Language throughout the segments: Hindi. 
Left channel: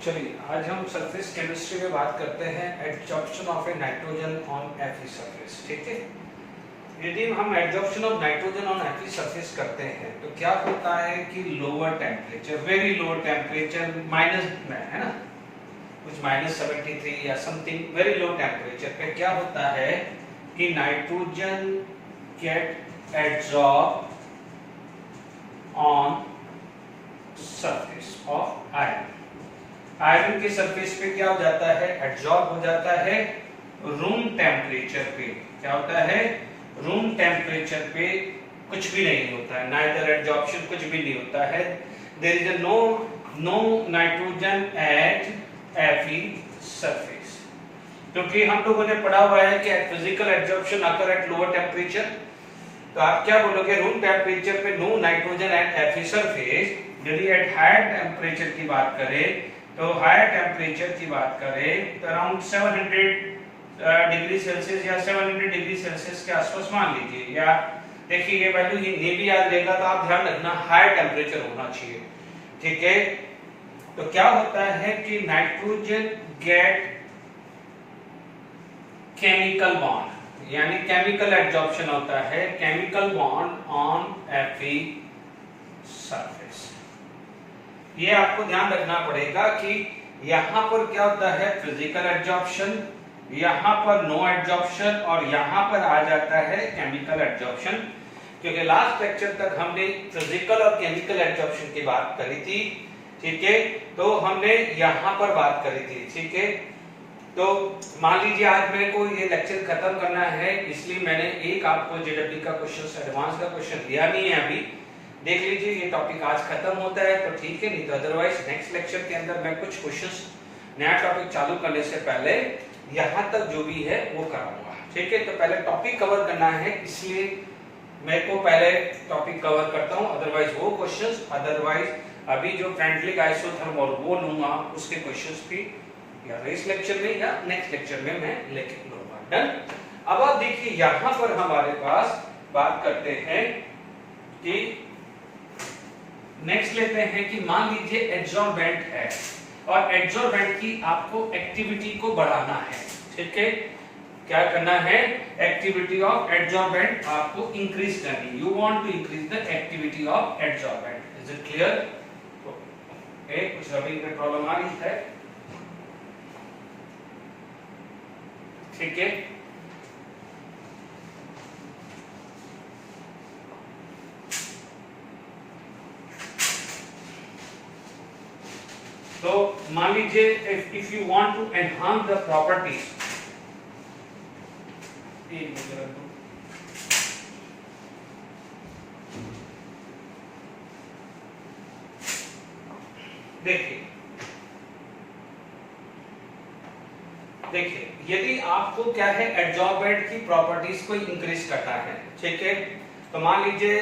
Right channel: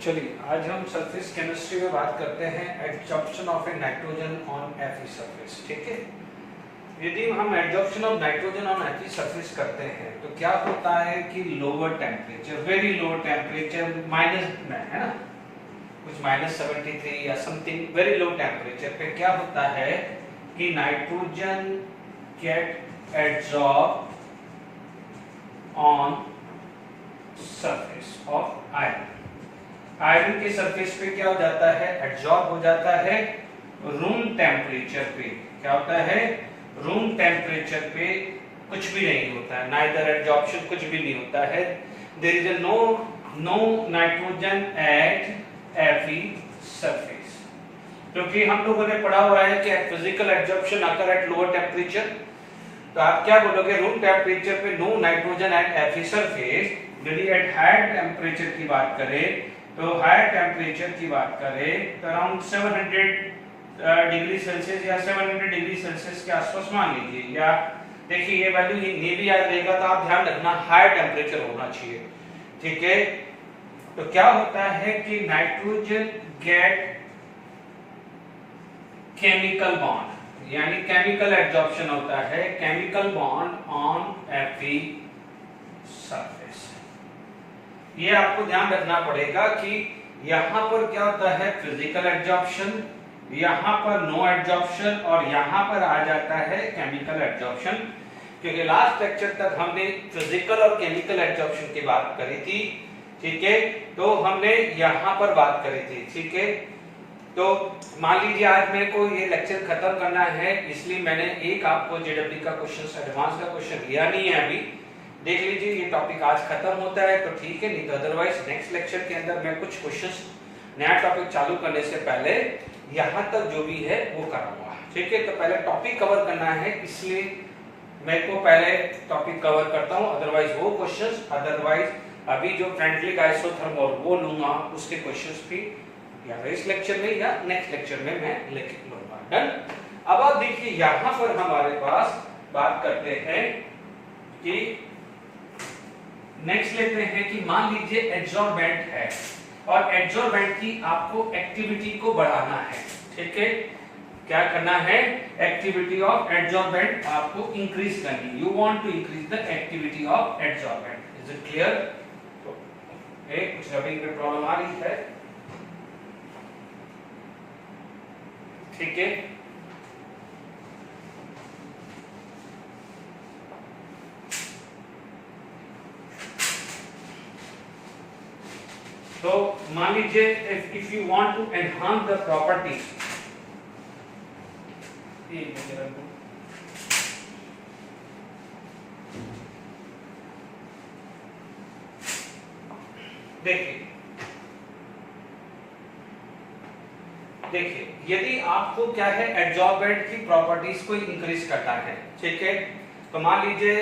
चलिए आज हम सरफेस केमिस्ट्री में बात करते हैं adsorption of A nitrogen on Fe surface. ठीक है, यदि हम adsorption of nitrogen on Fe surface करते हैं तो क्या होता है कि lower temperature, very lower temperature, minus में है ना, कुछ -73 या समथिंग, वेरी लो टेम्परेचर पे क्या होता है कि nitrogen get adsorb on surface of iron. Iron के सरफेस पे क्या हो जाता है, एडजॉर्ब हो जाता है रूम टेम्परेचर पे। क्या होता है, रूम टेम्परेचर पे कुछ भी नहीं होता है, नाइदर एडजॉर्प्शन, कुछ भी नहीं होता है। There is no nitrogen at Fe surface, क्योंकि हम लोगों ने पढ़ा हुआ है कि physical adsorption occur at lower temperature. तो आप क्या बोलोगे, रूम टेम्परेचर पे no nitrogen at Fe surface. यदि एट हायर टेम्परेचर की बात करें तो हायर टेम्परेचर की बात करें तो अराउंड 700 डिग्री सेल्सियस या 700 डिग्री सेल्सियस के आसपास मान लीजिए, या देखिए ये वैल्यू ये भी याद रहेगा, तो आप ध्यान रखना हायर टेम्परेचर होना चाहिए। ठीक है, तो क्या होता है कि नाइट्रोजन गेट केमिकल बॉन्ड, यानी केमिकल एडजॉर्प्शन होता है, chemical bond on Fe surface. ये आपको ध्यान रखना पड़ेगा कि यहां पर क्या होता है, फिजिकल एडजॉर्प्शन, यहां पर नो एडजॉर्प्शन, और यहां पर आ जाता है केमिकल एडजॉर्प्शन। क्योंकि लास्ट लेक्चर तक हमने फिजिकल और केमिकल एडजॉर्प्शन की बात करी थी। ठीक है, तो हमने यहां पर बात करी थी। ठीक है, तो मान लीजिए आज मेरे को ये लेक्चर खत्म करना है, इसलिए मैंने एक आपको जेडब्ल्यू का क्वेश्चन, एडवांस का क्वेश्चन दिया नहीं है अभी। देख लीजिए, ये टॉपिक आज खत्म होता है तो ठीक है, नहीं तो अदरवाइज नेक्स्ट लेक्चर के अंदर मैं कुछ क्वेश्चंस नया टॉपिक चालू करने से पहले यहां तक जो भी है वो कराऊंगा। ठीक है, तो पहले टॉपिक कवर करना है, इसलिए मैं को पहले टॉपिक कवर करता हूं, अदरवाइज वो क्वेश्चंस, अदरवाइज अभी जो फ्रेंडली आइसोथर्मल वो लूंगा उसके क्वेश्चंस भी या इस लेक्चर में या नेक्स्ट लेक्चर में मैं लेके लूंगा। डन। अब आप देखिए यहां पर हमारे पास बात करते हैं कि नेक्स्ट लेते हैं कि मान लीजिए एडजॉर्बेंट है और एडजॉर्बेंट की आपको एक्टिविटी को बढ़ाना है। ठीक है, क्या करना है, एक्टिविटी ऑफ एडजॉर्बेंट आपको इंक्रीज करनी, you want to increase the activity of adsorbent. Is it clear? तो कुछ रबिंग में प्रॉब्लम आ रही है। ठीक है, तो मान लीजिए if you want to enhance the properties, देखिए यदि आपको क्या है, एडजॉर्बेंट की प्रॉपर्टीज को इंक्रीज करना है। ठीक है, तो मान लीजिए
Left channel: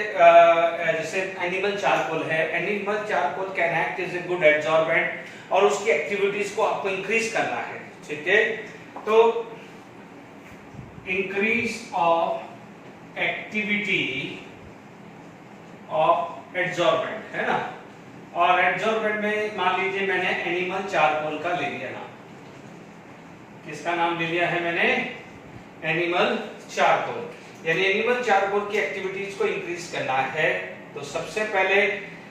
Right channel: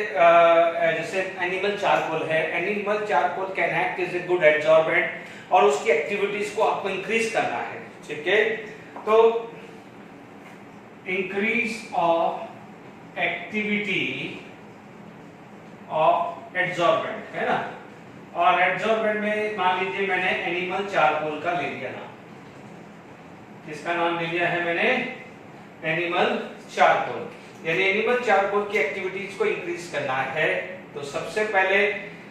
जैसे एनिमल चारकोल है, animal charcoal can act as a good adsorbent और उसकी एक्टिविटीज को आपको इंक्रीज करना है। ठीक है, तो increase of activity of adsorbent है ना, और एडजॉर्बेंट में मान लीजिए मैंने एनिमल चारकोल का ले लिया नाम, किसका नाम ले लिया है मैंने, एनिमल चारकोल। यानी एनिमल चारकोल की एक्टिविटीज को इंक्रीज करना है तो सबसे पहले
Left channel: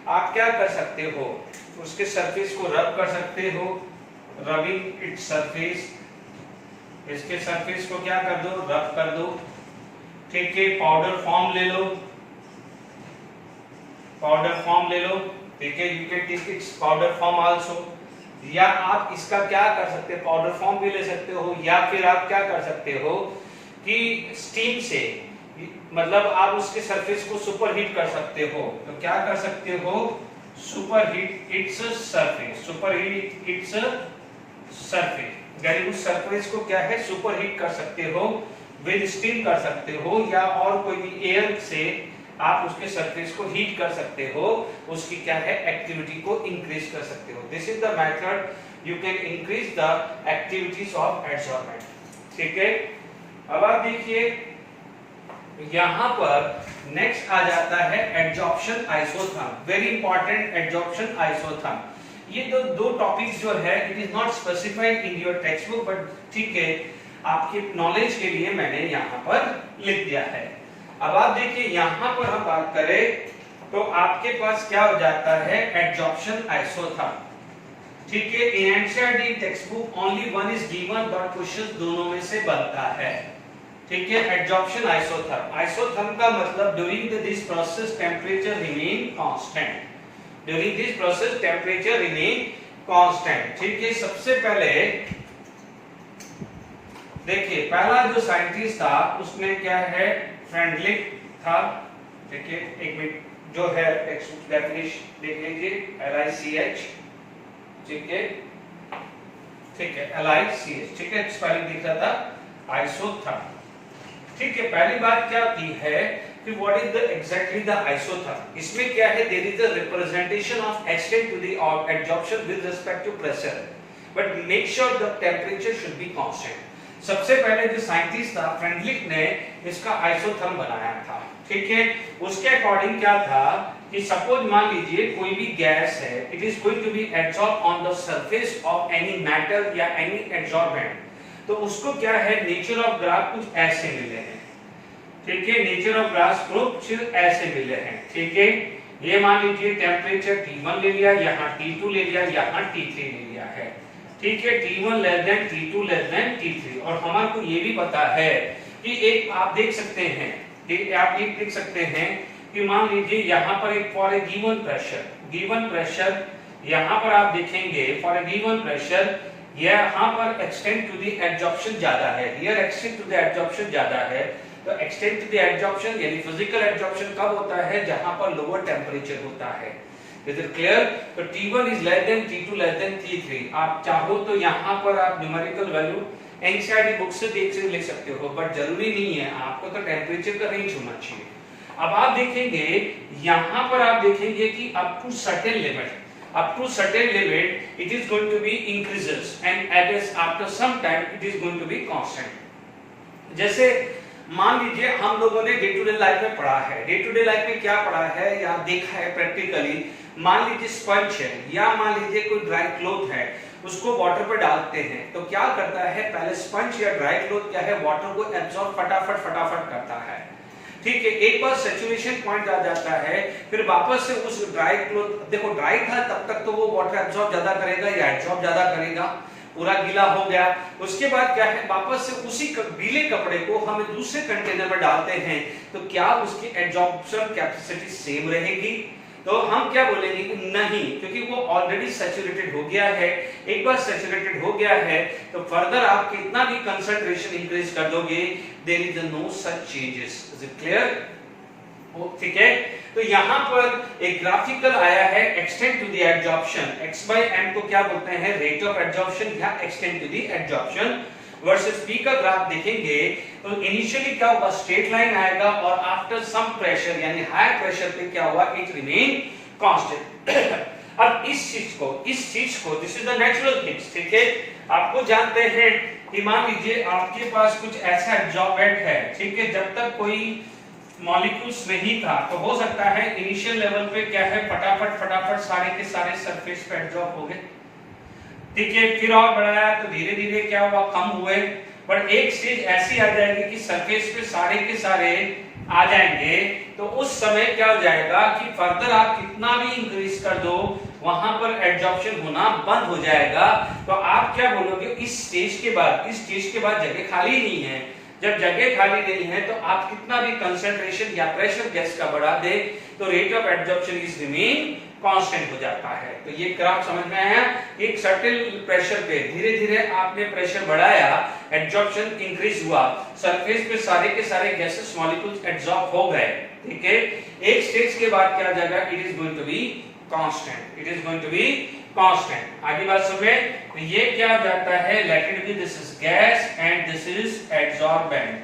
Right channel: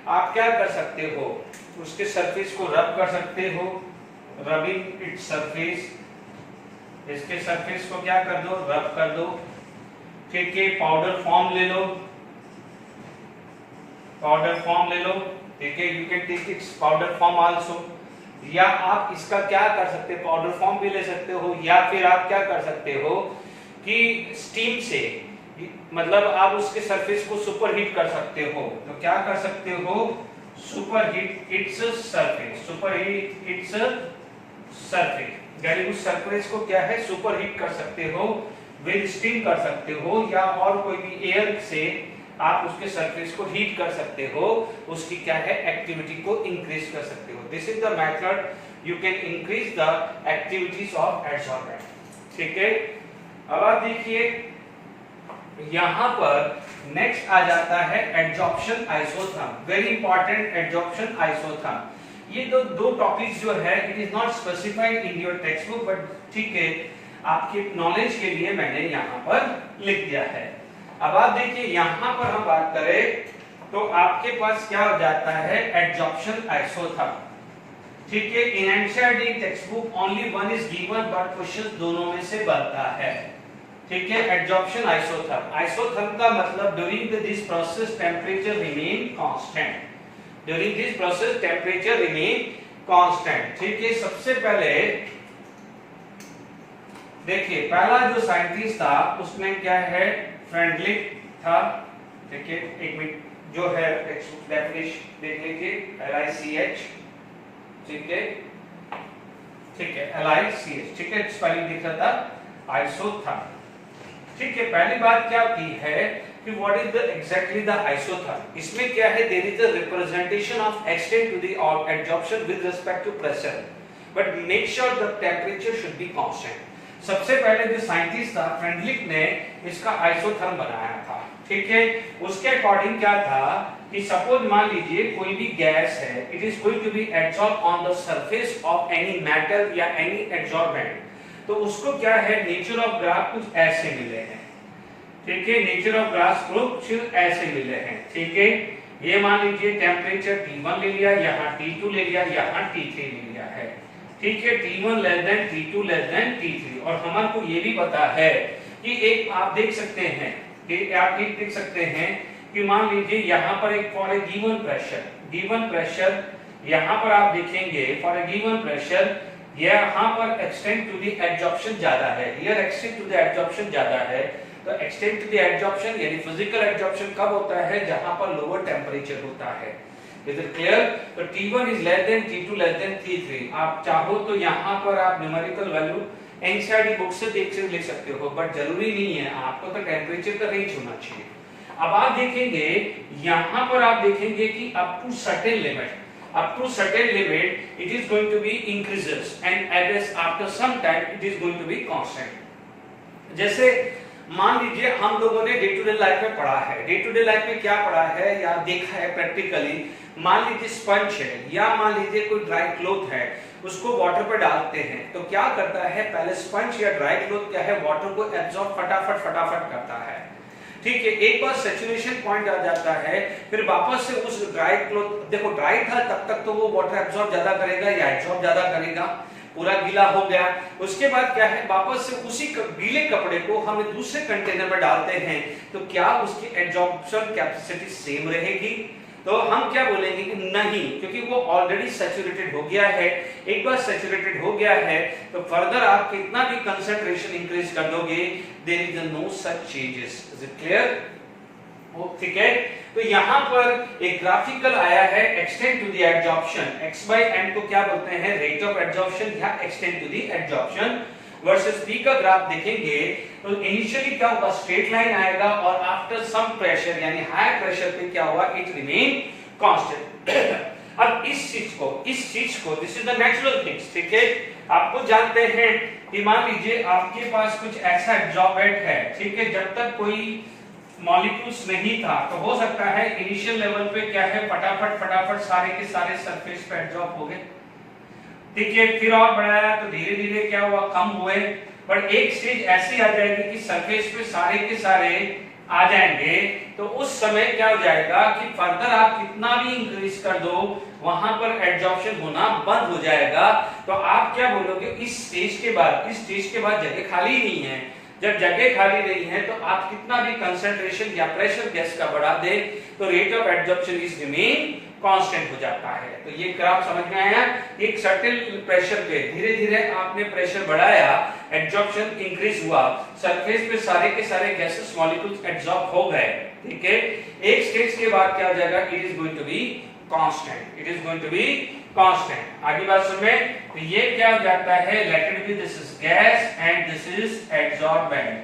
आप क्या कर सकते हो, उसके सरफेस को रब कर सकते हो, रबिंग इट्स सरफेस, इसके सरफेस को क्या कर दो, रब कर दो। ठीक है, पाउडर फॉर्म ले लो, पाउडर फॉर्म ले लो। ठीक है, you can take its powder form also, या आप इसका क्या कर सकते हैं, पाउडर फॉर्म भी ले सकते हो, या फिर आप क्या कर सकते हो कि स्टीम से, मतलब आप उसके सरफेस को सुपर हीट कर सकते हो। तो क्या कर सकते हो, super heat its surface, super heat its surface, यानी उस सरफेस को क्या है, सुपर हीट कर सकते हो, विद स्टीम कर सकते हो, या और कोई भी एयर से आप उसके सरफेस को हीट कर सकते हो, उसकी क्या है, एक्टिविटी को इंक्रीज कर सकते हो। This is the method you can increase the activities of adsorbent. ठीक है, अब आप देखिए यहां पर नेक्स्ट आ जाता है adsorption isotherm, very important adsorption isotherm. ये दो टॉपिक्स जो है it is not specified in your text book, but ठीक है आपके नॉलेज के लिए मैंने यहाँ पर लिख दिया है। अब आप देखिए यहाँ पर हम बात करें तो आपके पास क्या हो जाता है, एडजॉर्प्शन आइसोथर्म। ठीक है, in NCERT text book only one is given but question दोनों में से बनता है। ठीक है, एडजॉर्प्शन आइसोथर्म। आइसोथर्म का मतलब during this process temperature remain constant, during this process temperature remain constant. ठीक है, सबसे पहले देखिए पहला जो साइंटिस्ट था उसमें क्या है, फ्रेंडलिक था। ठीक है, एक मिनट जो है डेफिनेशन देख लीजिए, LICH। ठीक है, ठीक है, LICH। ठीक है, स्पेलिंग दिख रहा था आइसोथर्म। ठीक है, पहली बात क्या होती है कि what is the exactly the isotherm. इसमें क्या है, there is a representation of extent to the adsorption with respect to pressure, but make sure the temperature should be constant. सबसे पहले जो साइंटिस्ट था फ्रेंडलिक ने इसका आइसोथर्म बनाया था। ठीक है, उसके अकॉर्डिंग क्या था कि सपोज मान लीजिए कोई भी गैस है, it is going to be absorb on the surface of any metal या एनी एब्सॉर्बेंट, तो उसको क्या है, नेचर ऑफ ग्राफ कुछ ऐसे मिले हैं। ठीक है, नेचर ऑफ ग्राफ कुछ ऐसे मिले हैं। ठीक है, ये मान लीजिए टेम्परेचर T1 ले लिया, यहाँ T2 ले लिया, यहाँ T3 ले लिया है। ठीक है, T1 less than T2 less than T3। और हमारे को ये भी पता है कि एक आप देख सकते हैं कि आप ये देख सकते हैं कि मान लीजिए यहाँ पर एक फॉर ए गिवन प्रेशर यहाँ पर आप देखेंगे फॉर ए गिवन प्रेशर यहाँ पर एक्सटेंड टू द एडजॉर्प्शन ज्यादा है, here extend to the adsorption ज्यादा है। तो एक्सटेंड टू द एडजॉर्प्शन यानी फिजिकल एडजॉर्प्शन कब होता है, जहां पर लोअर टेम्परेचर होता है। Is it clear? तो T1 is less than T2 less than T3। आप चाहो तो यहाँ पर आप न्यूमेरिकल वैल्यू एनसीईआरटी बुक से देख से लिख सकते हो, बट जरूरी नहीं है, आपको तो टेम्परेचर का रेंज होना चाहिए। अब आप देखेंगे यहाँ पर आप देखेंगे कि up to certain limit it is going to be increases and after some time it is going to be constant। जैसे मान लीजिए हम लोगों ने डे टू डे लाइफ में पढ़ा है, डे टू डे लाइफ में क्या पढ़ा है या देखा है प्रैक्टिकली, मान लीजिए स्पंज है या मान लीजिए कोई ड्राई क्लॉथ है, उसको वाटर पे डालते हैं तो क्या करता है, पहले स्पंज या ड्राई क्लॉथ क्या है, वाटर को एब्सॉर्ब फटाफट करता है। ठीक है, एक बार सैचुरेशन पॉइंट आ जाता है, फिर वापस से उस ड्राई क्लॉथ, देखो ड्राई था तब तक तो वो वाटर एब्सॉर्ब ज्यादा करेगा या एब्सॉर्ब ज्यादा करेगा, पूरा गीला हो गया। उसके बाद क्या है, वापस से उसी गीले कपड़े को हम दूसरे कंटेनर में डालते हैं, तो क्या उसकी एब्जॉर्प्शन कैपेसिटी सेम रहेगी? तो हम क्या बोलेंगे कि नहीं, क्योंकि वो ऑलरेडी सैचुरेटेड हो गया है। एक बार सैचुरेटेड हो गया है तो फर्दर आप कितना भी कंसंट्रेशन इंक्रीज कर दोगे, there is no such changes. Is it clear? ठीक है, तो यहाँ पर एक ग्राफिकल आया है extend to the absorption, x/m को क्या बोलते हैं, रेट ऑफ एब्जॉर्प्शन या extend to the absorption versus p का ग्राफ देखेंगे तो इनिशियली क्या होगा, स्ट्रेट लाइन आएगा और आफ्टर सम प्रेशर यानी हाई प्रेशर पे क्या हुआ, इट रिमेन कांस्टेंट। अब इस चीज को this is the natural things. ठीक है, आपको जानते हैं कि मान लीजिए आपके पास कुछ ऐसा एब्जॉर्बेंट है, ठीक है, जब तक कोई मॉलिक्यूल्स नहीं था तो हो सकता है इनिशियल लेवल पे क्या है, फटाफट सारे के सारे सरफेस पे एब्जॉर्ब हो गए। ठीक है, फिर और बढ़ाया तो धीरे धीरे क्या हुआ, कम हुए, बट एक स्टेज ऐसी आ जाएगी कि सरफेस पे सारे के सारे आ जाएंगे, तो उस समय क्या हो जाएगा कि फर्दर आप कितना भी इंक्रीज कर दो वहां पर एब्जॉर्प्शन होना बंद हो जाएगा। तो आप क्या बोलोगे, इस स्टेज के बाद जगह खाली नहीं है। जब जगह खाली नहीं है तो आप कितना भी कंसंट्रेशन या प्रेशर गैस का बढ़ा दे तो rate of absorption is remain constant हो जाता है। तो ये ग्राफ समझ में आया, एक सर्टेन प्रेशर पे धीरे धीरे आपने प्रेशर बढ़ाया, एब्जॉर्प्शन इंक्रीज हुआ, सरफेस पे सारे के सारे गैसेस मॉलिक्यूल्स एब्जॉर्ब हो गए। ठीक है, एक स्टेज के बाद क्या हो जाएगा, it is going to be constant, it is going to be constant. आगे बात समझें, तो ये क्या हो जाता है, let it be this is gas and this is adsorbent.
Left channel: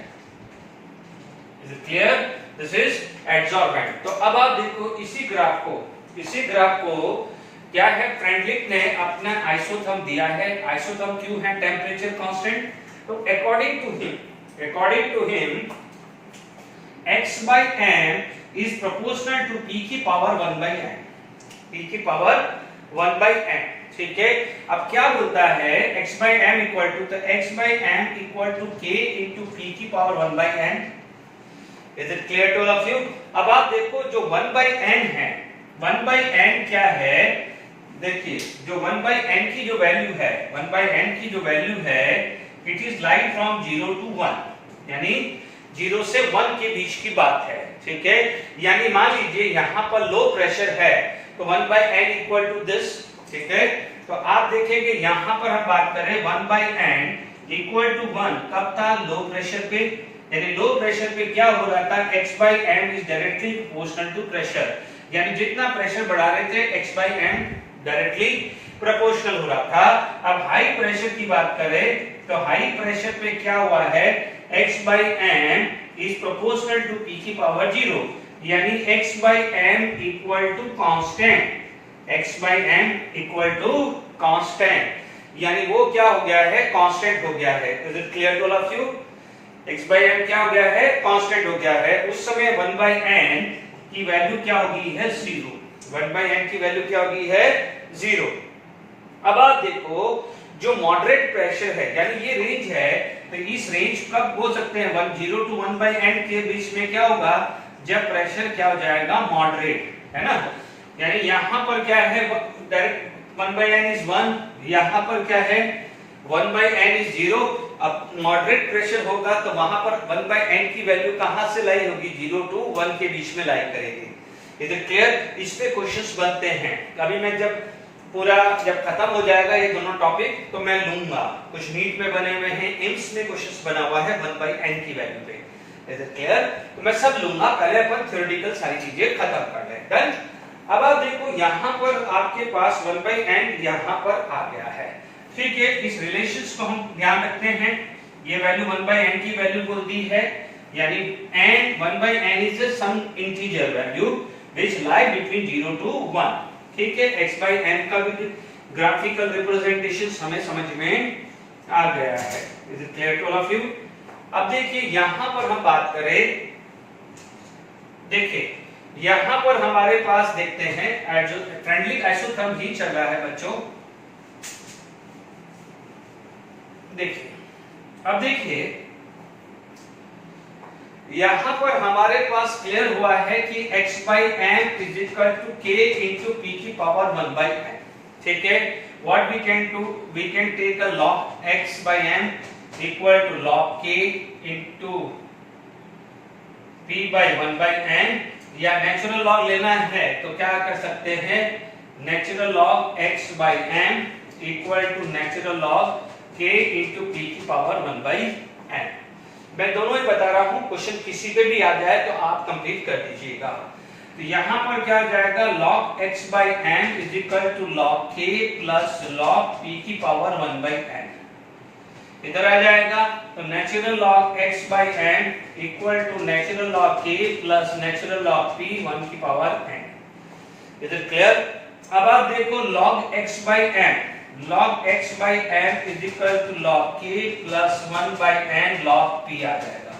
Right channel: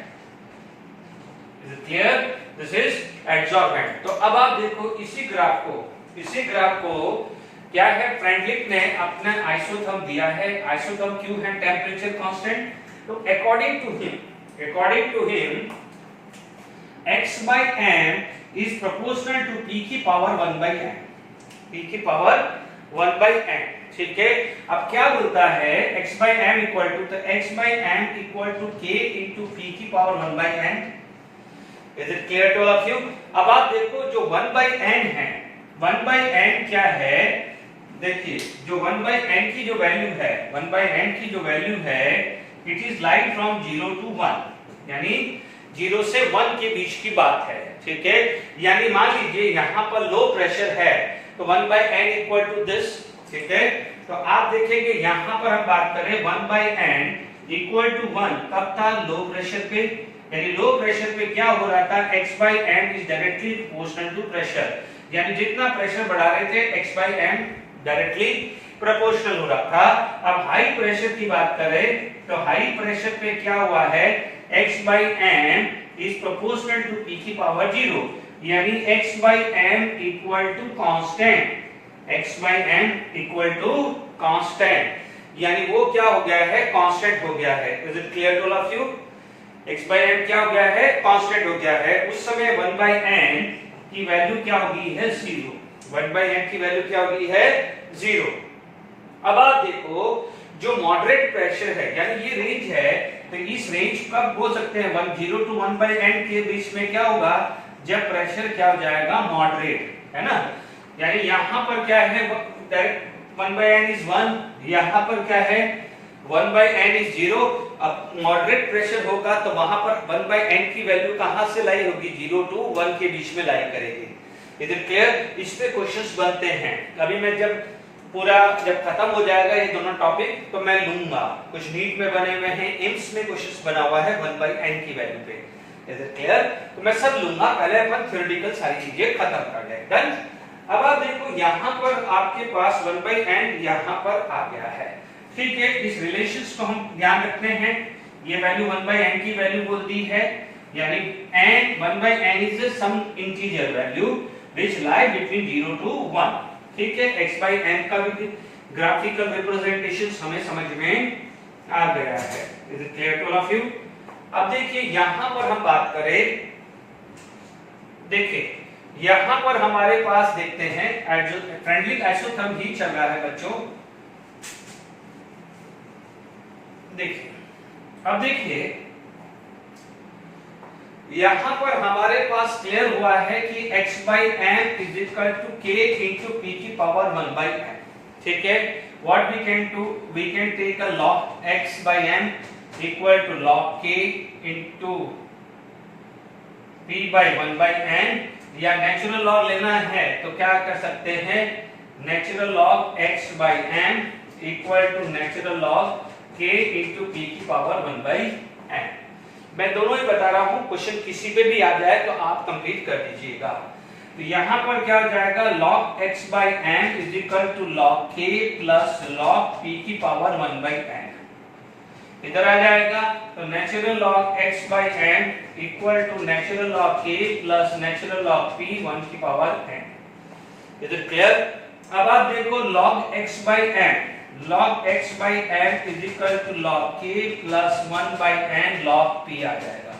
Is it clear? This is adsorbent. तो अब आप देखो इसी ग्राफ को क्या है, फ्रेंडलिक ने अपना आइसोथर्म दिया है। आइसोथर्म क्यों है टेम्परेचर कांस्टेंट? तो according to him x/m is proportional to p की पावर 1/n, p की पावर 1/n। ठीक है। अब क्या बोलता है x by m equal to, तो x by m equal to k into p की power 1 by n। Is it clear to all of you? अब आप देखो जो 1 by n है, 1 by n क्या है, देखिए जो 1 by n की जो वैल्यू है, 1 by n की जो वैल्यू है, it is like from 0 to 1, यानी 0 से 1 के बीच की बात है, ठीक है। यानी मान लीजिए यहां पर लो प्रेशर है तो 1 by n equal to this, ठीक है। तो आप देखेंगे यहां पर हम बात कर रहे हैं 1 by n इक्वल टू 1 कब था, लो प्रेशर पे, यानी लो प्रेशर पे क्या हो रहा था, x by m is directly proportional to pressure, यानी जितना प्रेशर बढ़ा रहे थे x by m directly proportional हो रहा था। अब हाई प्रेशर की बात करें तो हाई प्रेशर पे क्या हुआ है, x by m is proportional to p की पावर 0, यानी x by m equal to constant, x by m equal to constant, यानी वो क्या हो गया है, कांस्टेंट हो गया है। Is it clear to all of you? x by m क्या हो गया है, कांस्टेंट हो गया है। उस समय 1 by n की वैल्यू क्या होगी है 0, 1 by n की वैल्यू क्या होगी है 0। अब आप देखो जो मॉडरेट प्रेशर है, यानी ये रेंज है, तो इस रेंज कब हो सकते हैं, 0 टू 1 by n के बीच में क्या होगा, जब प्रेशर क्या हो जाएगा, मॉडरेट, है ना। यानी यहां पर क्या है, डायरेक्ट 1 by n इज 1, यहां पर क्या है 1 by n इज 0। अब मॉडरेट प्रेशर होगा तो वहां पर 1 by n की वैल्यू कहां से लाई होगी, 0 टू 1 के बीच में लाई करेगी। Is it clear? इस पे क्वेश्चंस बनते हैं। अभी मैं जब खत्म हो जाएगा ये दोनों टॉपिक तो मैं लूंगा, कुछ नीट में बने हुए हैं, एम्स में क्वेश्चंस बना हुआ है 1 by n की वैल्यू पे। Is it clear? तो मैं सब लूंगा, पहले अपन थ्योरेटिकल सारी चीजें खत्म कर लें। डन। अब आप देखो यहां पर आपके पास 1 by n यहां पर आ गया है, ठीक है। इस रिलेशंस को हम ध्यान रखते हैं, ये वैल्यू 1 by n की वैल्यू बोलती है, यानी n 1 by n is some integer value which lie between 0 to 1, ठीक है। x by n का भी ग्राफिकल रिप्रेजेंटेशन हमें समझ में आ गया है। Is it clear to all of you? अब देखिए यहां पर हम बात करें, देखिए यहां पर हमारे पास देखते हैं फ्रेंडली आइसोथर्म ही चल रहा है बच्चों। देखिए अब देखिए यहां पर हमारे पास क्लियर हुआ है कि x by m is equal to k into p की पावर 1 by n, ठीक है। What we can do, we can take a log x by m equal to log k into p by 1 by n, या नेचुरल लॉग लेना है तो क्या कर सकते हैं, natural log x by m equal to natural log k into p की पावर 1 by n। मैं दोनों ही बता रहा हूं, क्वेश्चन किसी पे भी आ जाए तो आप कंप्लीट कर दीजिएगा। तो यहां पर क्या हो जाएगा, log x by m is equal to log k plus log p की पावर 1 by n, इधर आ जाएगा। तो natural log x by m equal to natural log k plus natural log p 1 की power n। Is it clear? अब आप देखो log x by m, log x by m is equal to log k plus 1 by n log p आ जाएगा।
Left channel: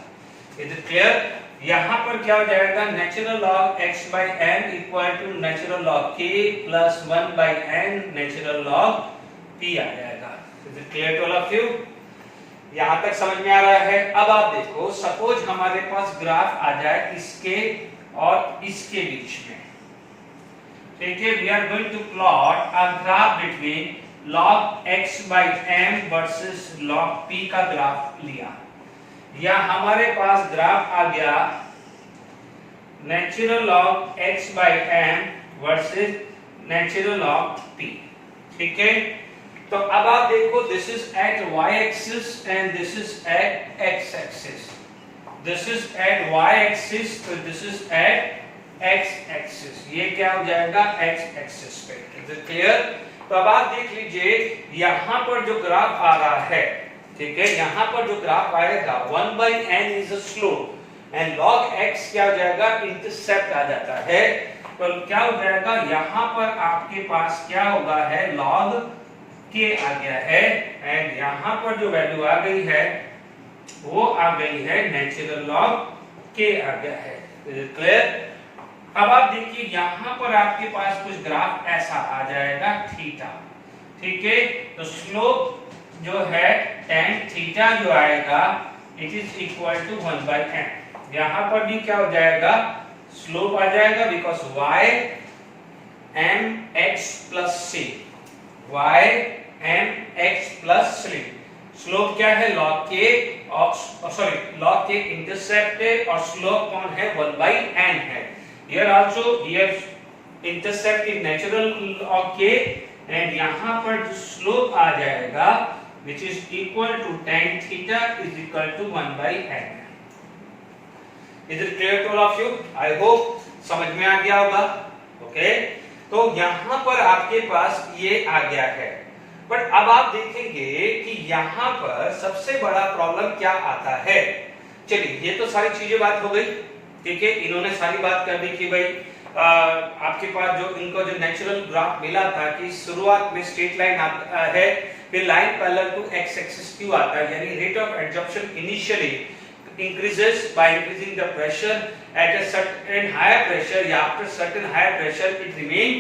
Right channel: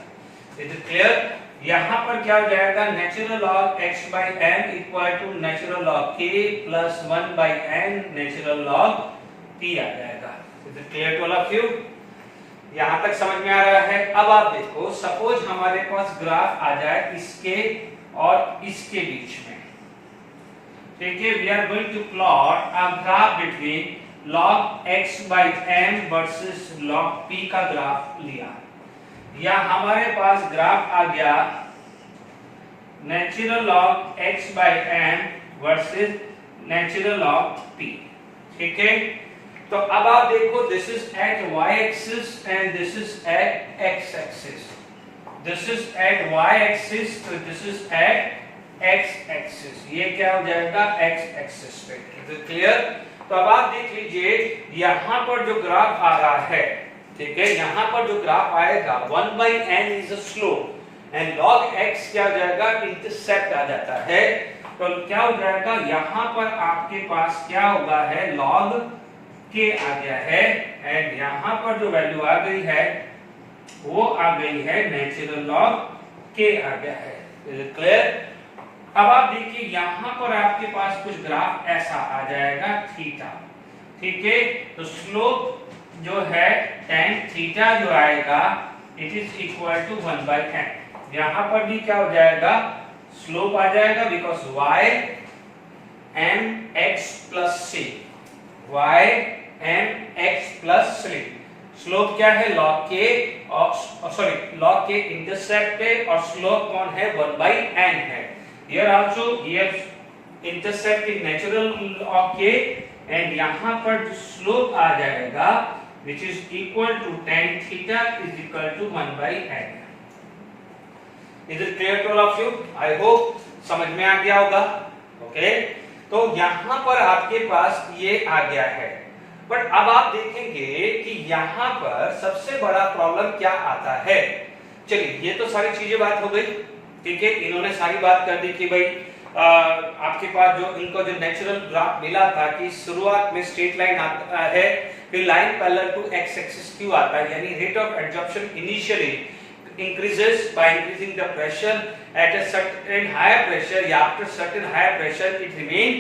Is it clear? यहां पर क्या हो जाएगा, natural log x by m equal to natural log k plus 1 by n natural log p आ जाएगा। Is it clear to all of you? यहां तक समझ में आ रहा है? अब आप देखो सपोज हमारे पास ग्राफ आ जाए इसके और इसके बीच में, ठीक है। We are going to plot a graph between log x by m versus log p का ग्राफ लिया, या हमारे पास ग्राफ आ गया natural log x by m versus natural log p, ठीक है। तो अब आप देखो this is at y axis and this is at x axis, this is at y axis तो this is at x axis, ये क्या हो जाएगा x एक्सिस पे। Is it clear? तो अब आप देख लीजिए यहां पर जो ग्राफ आ रहा है, ठीक है, यहां पर जो ग्राफ आएगा 1 by n is a slope and log x क्या हो जाएगा, इंटरसेप्ट आ जाता है। तो क्या हो जाएगा, यहां पर आपके पास क्या होगा है, log k आ गया है एंड यहां पर जो वैल्यू आ गई है वो आ गई है नेचुरल log k आ गया है। क्लियर? अब आप देखिए यहां पर आपके पास कुछ ग्राफ ऐसा आ जाएगा थीटा, ठीक है, तो स्लोप जो है tan थीटा जो आएगा it is equal to 1/n। यहां पर भी क्या हो जाएगा, स्लोप आ जाएगा because y mx plus c, y mx plus c। Slope क्या है, log k और सॉरी log k इंटरसेप्ट है और स्लोप कौन है, 1/n है। Here also here intercept in natural log k and यहाँ पर जो स्लोप आ जाएगा which is equal to tan theta is equal to 1/n। Is it clear to all of you? I hope समझ में आ गया होगा। ओके, तो यहाँ पर आपके पास ये आ गया है, बट अब आप देखेंगे कि यहाँ पर सबसे बड़ा प्रॉब्लम क्या आता है। चलिए, ये तो सारी चीजें बात हो गई, ठीक है, इन्होंने सारी बात कर दी कि भाई आपके पास जो इनको जो नेचुरल ग्राफ मिला था कि शुरुआत में स्ट्रेट लाइन आता है, फिर line parallel to X axis क्यू आता है, यानी rate of absorption initially increases by increasing the pressure at a certain higher pressure या after certain higher pressure it remain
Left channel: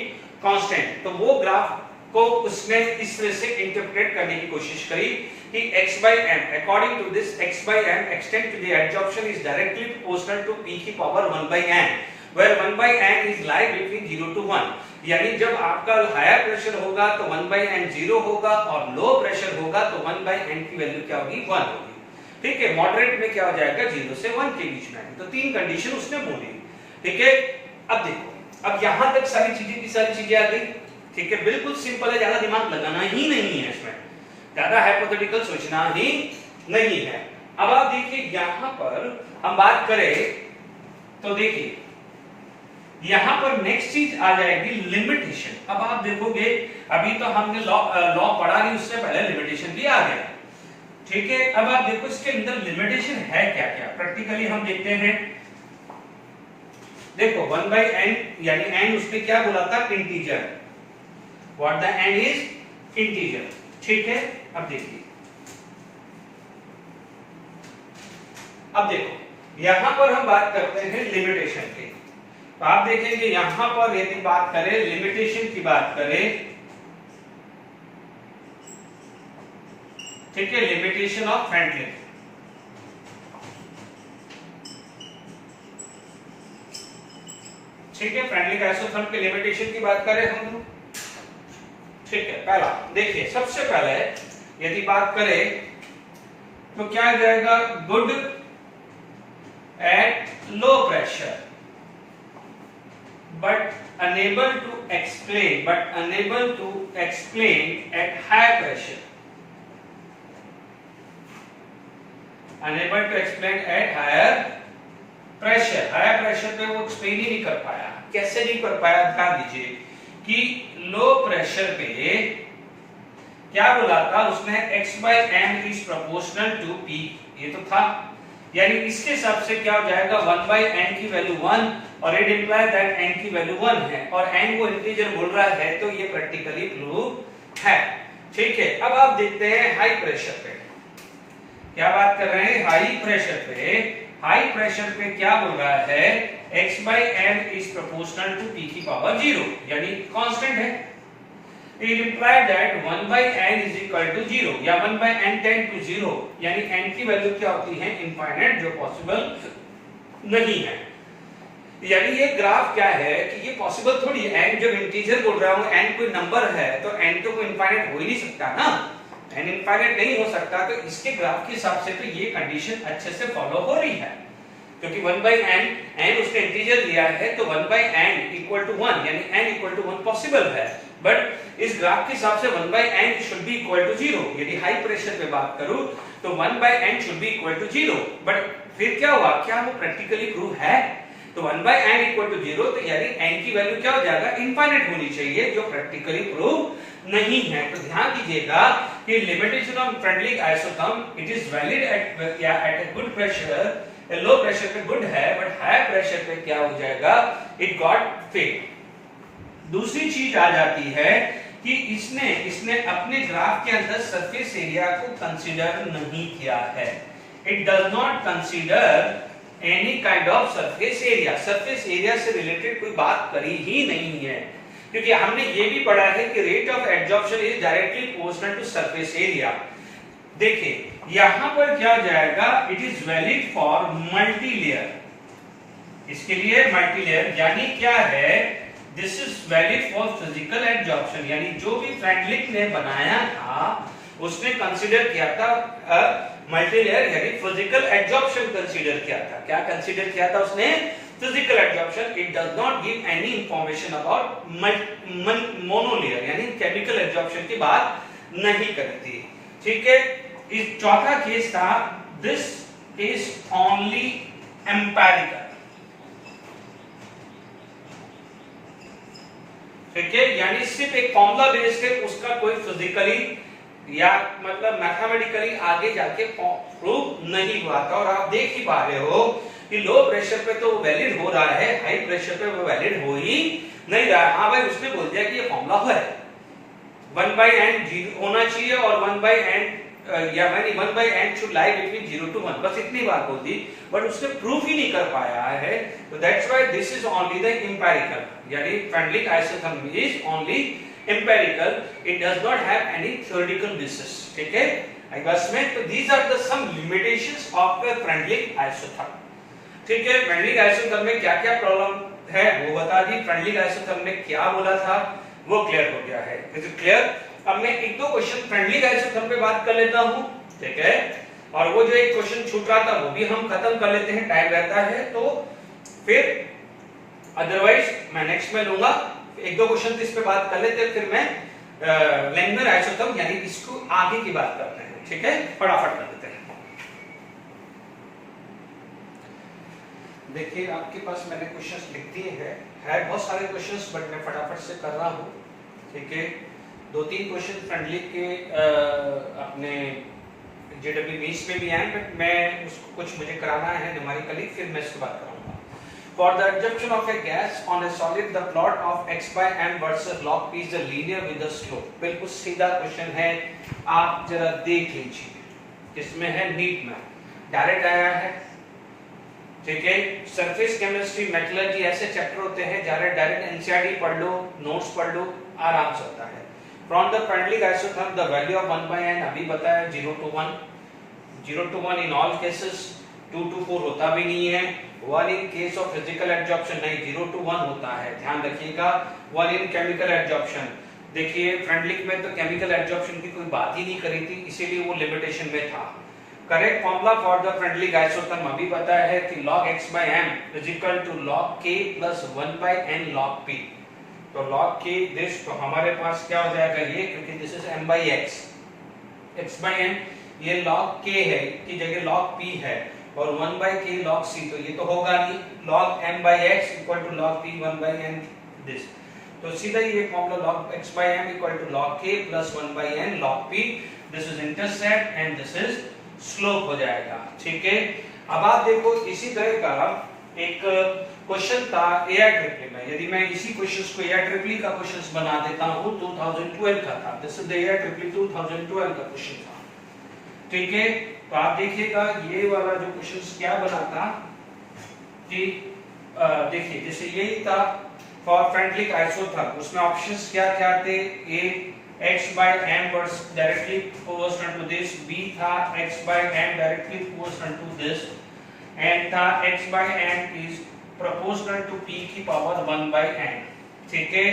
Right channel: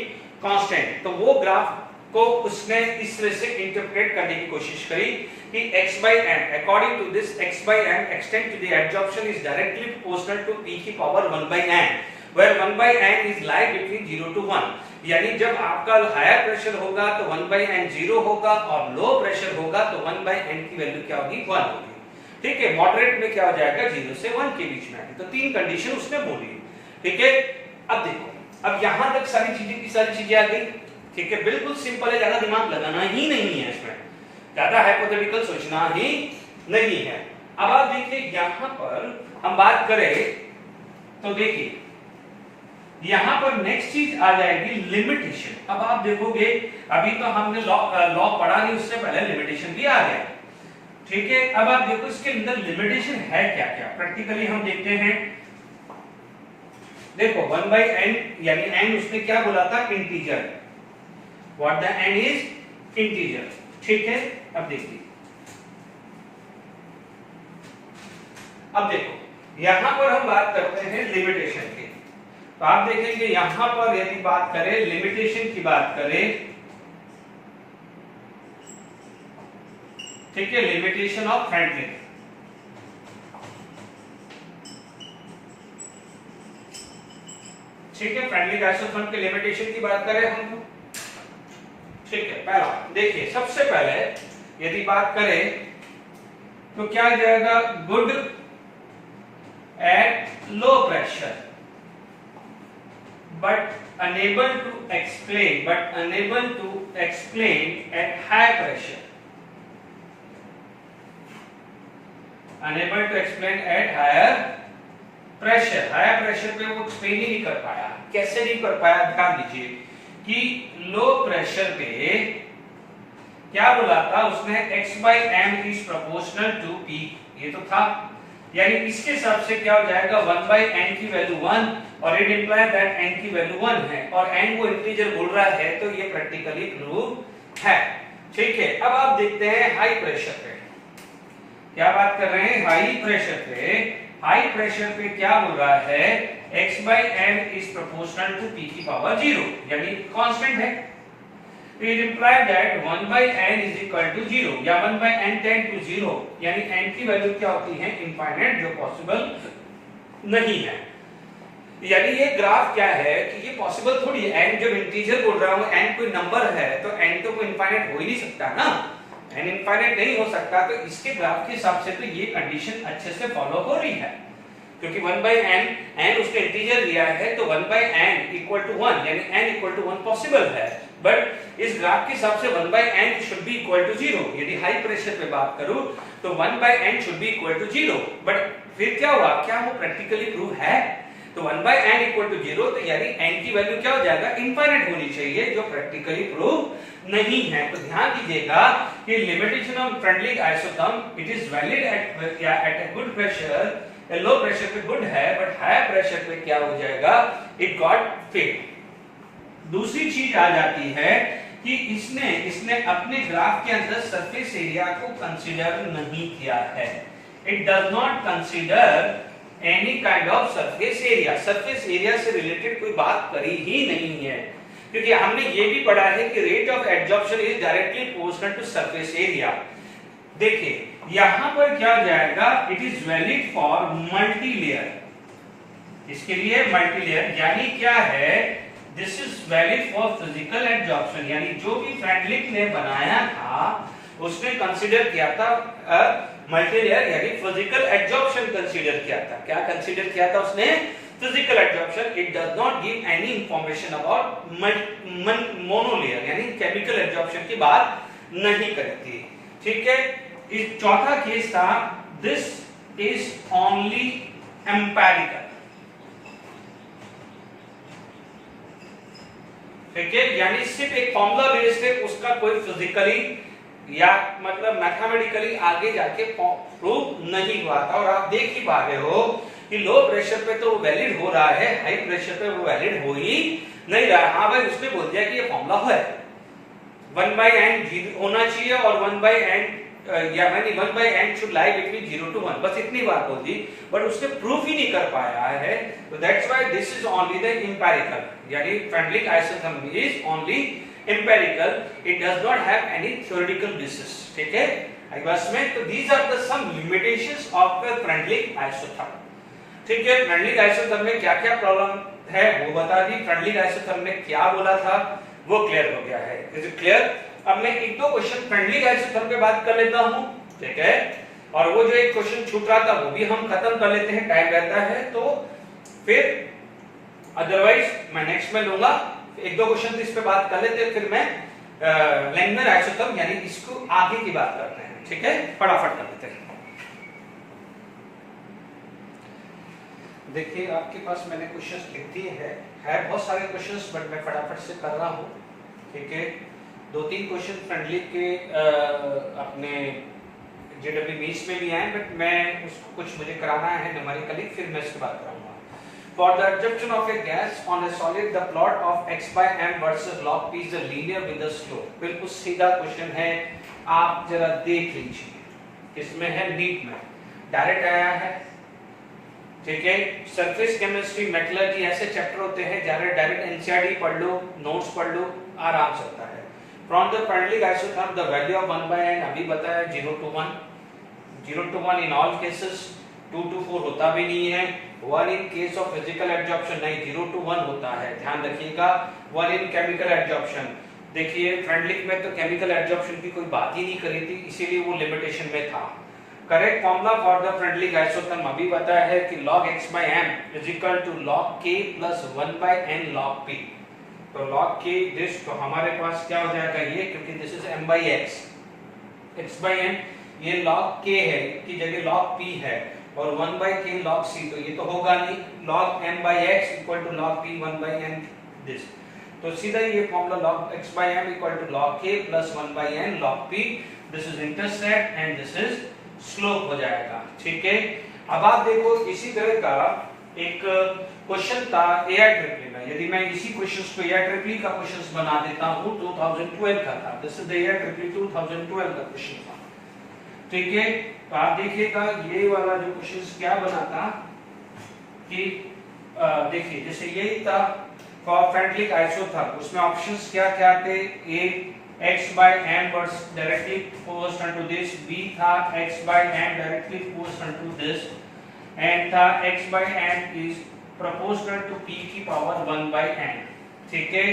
constant। तो वो ग्राफ को उसने इस तरह से इंटरप्रेट करने की कोशिश करी कि x by m, according to this x by m extent to the adsorption is directly proportional to p की power 1/n, where 1/n is lie between 0 to 1। यानी जब आपका हायर प्रेशर होगा तो 1/n 0 होगा और लो प्रेशर होगा तो 1/n की वैल्यू क्या होगी, 1 होगी। ठीक है, मॉडरेट में क्या हो जाएगा, 0 से 1 के बीच में। तो तीन कंडीशन उसने बोली। ठीक है, अब देखो, अब यहां तक सारी चीजें की सारी चीजें आ गई। ठीक है, बिल्कुल सिंपल है, ज्यादा दिमाग लगाना ही नहीं है इसमें, ज्यादा हाइपोथेटिकल सोचना ही नहीं है। अब आप देखिए यहां पर हम बात करें तो देखिए यहां पर नेक्स्ट चीज आ जाएगी लिमिटेशन। अब आप देखोगे अभी तो हमने लॉ पढ़ा नहीं, उससे पहले लिमिटेशन भी आ गया। ठीक है, अब आप देखो इसके अंदर लिमिटेशन है क्या क्या, प्रैक्टिकली हम देखते हैं। देखो 1/n यानी n उसने क्या बोला था, integer, what the n is integer. ठीक है, अब देखिए, अब देखो यहां पर हम बात करते हैं लिमिटेशन की। तो आप देखेंगे यहां पर यदि बात करें लिमिटेशन की बात करें, ठीक है, लिमिटेशन ऑफ फ्रंट लेग। ठीक है, फ्रंट लेग आइसोथर्म के लिमिटेशन की बात करें हम लोग। ठीक है, पहला देखिए, सबसे पहले यदि बात करें तो क्या आ जाएगा, good at low pressure but unable to explain at high pressure. Unable to explain at higher pressure। Higher pressure पे वो एक्सप्लेन ही नहीं कर पाया। कैसे नहीं कर पाया, ध्यान दीजिए कि लो प्रेशर पे क्या बोला था उसने, x by m is proportional to p, ये तो था, यानी इसके हिसाब से क्या हो जाएगा, 1/n की वैल्यू 1 और इट इंप्लाइज दैट n की वैल्यू 1 है और n को इंटीजर बोल रहा है, तो ये प्रैक्टिकली प्रूव है। ठीक है, अब आप देखते हैं हाई प्रेशर पे क्या बात कर रहे हैं, हाई प्रेशर पे। हाई प्रेशर पे क्या बोल रहा है, x by m is proportional to p की पावर 0, यानी कांस्टेंट है। It implies that 1/n is equal to 0 या 1/n tend to 0, यानी n की वैल्यू क्या होती है, इनफाइनाइट, जो पॉसिबल नहीं है। यानी ये ग्राफ क्या है कि ये पॉसिबल थोड़ी है, n जब इंटीजर बोल रहा हूं, n कोई नंबर है तो n तो कोई इनफाइनाइट हो ही नहीं सकता ना, n इनफाइनाइट नहीं हो सकता। तो इसके ग्राफ के हिसाब से तो ये कंडीशन अच्छे से फॉलो हो रही है, क्योंकि 1/n n उसने इंटीजर दिया है तो 1/n इक्वल टू 1 यानी n इक्वल टू 1 पॉसिबल है। बट इस ग्राफ के हिसाब से 1/n should be equal to 0। यदि हाई प्रेशर पे बात करूं तो 1/n should be equal to 0। But फिर क्या हुआ, क्या वो प्रैक्टिकली प्रूव है? तो 1/n इक्वल टू 0, तो यानी n की वैल्यू क्या हो जाएगा, इनफाइनाइट होनी चाहिए, जो प्रैक्टिकली प्रूव नहीं है। तो ध्यान दीजिएगा कि limitation of Freundlich isotherm it is valid at a good pressure, low pressure पे गुड है, बट हाई प्रेशर पे क्या हो जाएगा, इट गॉट फेल। दूसरी चीज आ जाती है कि इसने अपने ग्राफ के अंदर सरफेस एरिया को कंसीडर नहीं किया है। It does not consider any kind of surface area. Surface area से रिलेटेड कोई बात करी ही नहीं है। क्योंकि हमने ये भी पढ़ा है कि rate of adsorption is directly proportional to surface area. देखिए यहां पर क्या हो जाएगा, it is valid for multilayer, इसके लिए मल्टी लेयर यानी क्या है, this is valid for physical adsorption, यानी जो भी फ्रेंडलिक ने बनाया था उसने कंसीडर किया था मल्टी लेयर यानी फिजिकल एडजॉर्प्शन कंसीडर किया था। क्या कंसीडर किया था उसने? Physical adsorption. It does not give any information about monolayer यानी केमिकल एडजॉर्प्शन की बात नहीं करती। ठीक है, इस चौथा केस था दिस इज ओनली एम्पेरिकल। ठीक है, यानी सिर्फ एक फॉर्मूला बेस्ड पे उसका कोई फिजिकली या मतलब मैथमेटिकली आगे जाके प्रूव नहीं हुआ था। और आप देख ही पा रहे हो कि लो प्रेशर पे तो वैलिड हो रहा है, हाई प्रेशर पे वो वैलिड हो ही नहीं रहा। हाँ भाई उसने बोल दिया कि ये फॉर्मूला है 1/n होना चाहिए और 1/n या मैंने 1/n should lie between 0 to 1, बस इतनी बात होगी, बट उसने प्रूफ ही नहीं कर पाया है। तो that's why this is only the empirical, यानी Freundlich isotherm is only empirical, it does not have any theoretical basis. ठीक है बस में, तो these are the some limitations of the Freundlich isotherm. ठीक है, फ्रेंडलिक आइसोथर्म में क्या क्या प्रॉब्लम है वो बता दी, फ्रेंडलिक आइसोथर्म में क्या बोला था वो क्लियर हो गया है। Is it clear? अब मैं एक दो क्वेश्चन फ्रेंडली आइसोथर्म पे बात कर लेता हूं। ठीक है, और वो जो एक क्वेश्चन छूट रहा था वो भी हम खत्म कर लेते हैं, टाइम रहता है तो फिर अदरवाइज मैं नेक्स्ट में लूंगा। एक दो क्वेश्चन इस पे बात कर लेते हैं, फिर मैं लैंगमैन आइसोथर्म यानी इसको आगे की बात करते हैं। ठीक है, फटाफट कर लेते हैं। देखिए आपके पास मैंने क्वेश्चंस लिख दिए हैं, है बहुत सारे क्वेश्चंस बट मैं फटाफट से कर रहा हूं। ठीक है, दो तीन क्वेश्चन फ्रेंडली के अपने जेडब्ल्यू बेस में भी आए, बट मैं उसको कुछ मुझे कराना है न्यूमेरिकली, फिर मैं इसके बात करूंगा। For the adsorption of a gas on a solid, the plot of x by m versus log p is a linear with a slope। बिल्कुल सीधा क्वेश्चन है, आप जरा देख लीजिए, किसमें है, नीट में डायरेक्ट आया है। ठीक है, सरफेस केमिस्ट्री मेटलर्जी ऐसे चैप्टर होते हैं, डायरेक्ट एनसीईआरटी पढ़ लो, नोट्स पढ़ लो, आराम से होता है। From the friendly isotherm, the value of 1/n अभी बताया 0 to 1, 0 to 1 in all cases, 2 to 4 होता भी नहीं है, 1 in case of physical adsorption नहीं, 0 to 1 होता है, ध्यान रखिएगा। 1 in chemical adsorption, देखिए फ्रेंडलिक में तो केमिकल एडजॉर्प्शन की कोई बात ही नहीं करी थी, इसीलिए वो लिमिटेशन में था। Correct formula for the Freundlich isotherm अभी बताया है कि log x by m is equal to log k plus 1/n log p। तो log k दिस, तो हमारे पास क्या हो जाएगा ये, क्योंकि this is m by x, x by n ये log k है की जगह log p है, और 1/k log c, तो ये तो होगा नहीं, log m by x equal to log p 1/n this. तो सीधा ये formula log x by m equal to log k plus 1/n log p, this is intercept and this is slope हो जाएगा। ठीक है, अब आप देखो इसी तरह का एक क्वेश्चन था AIEEE में, यदि मैं इसी क्वेश्चंस को AIEEE का क्वेश्चंस बना देता हूं, 2012 का था, दिस इज द AIEEE 2012 का क्वेश्चन था। ठीक है, तो आप देखिएगा ये वाला जो क्वेश्चंस क्या बना था कि देखिए जैसे यही था फॉर फ्रेंडलिक आइसोथर्म, उसमें ऑप्शंस क्या क्या थे, ए x by m was directly proportional to this, b था x by m directly proportional to this, and था x by m is proportional to p की power 1/n। ठीक है,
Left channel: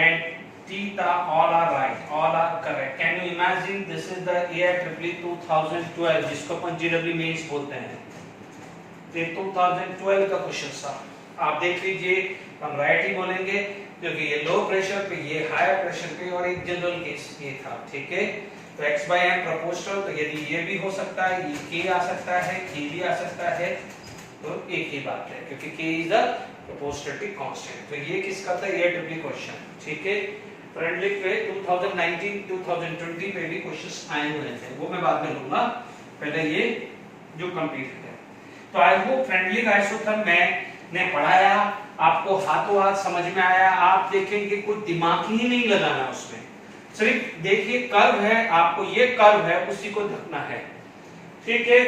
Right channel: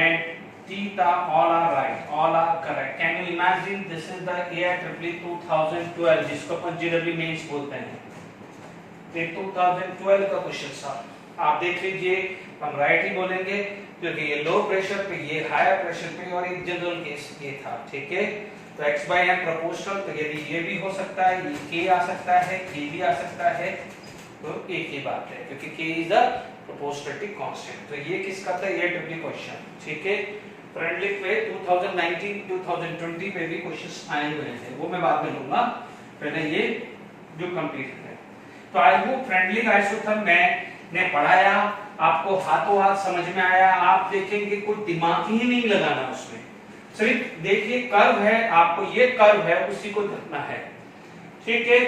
and t था all are right, all are correct। Can you imagine this is the AIEEE 2012 जिसको अपन GW मेंस बोलते हैं, ये 2012 का क्वेश्चन था। आप देख लीजिए, हम राइट ही बोलेंगे क्योंकि ये लो प्रेशर पे, ये हायर प्रेशर पे, और एक जनरल केस ये था। ठीक है, तो x by m प्रोपोर्शनल, तो यदि ये भी हो सकता है, ये k आ सकता है, k भी आ सकता है, तो एक ही बात है क्योंकि k is the proportionality constant. तो ये किसका था, ये ट्रिपल क्वेश्चन। ठीक है, फ्रेंडलिक पे 2019 2020 पे भी क्वेश्चंस आए हुए थे, वो मैं बाद में लूंगा, पहले ये जो कंप्लीट है। तो आई होप फ्रेंडलिक आइसोथर्म मैंने पढ़ाया, आपको हाथों हाथ समझ में आया। आप देखेंगे कुछ दिमाग ही नहीं लगाना उसमें, सिर्फ देखिए कर्व है, आपको ये कर्व है उसी को धरना है। ठीक है,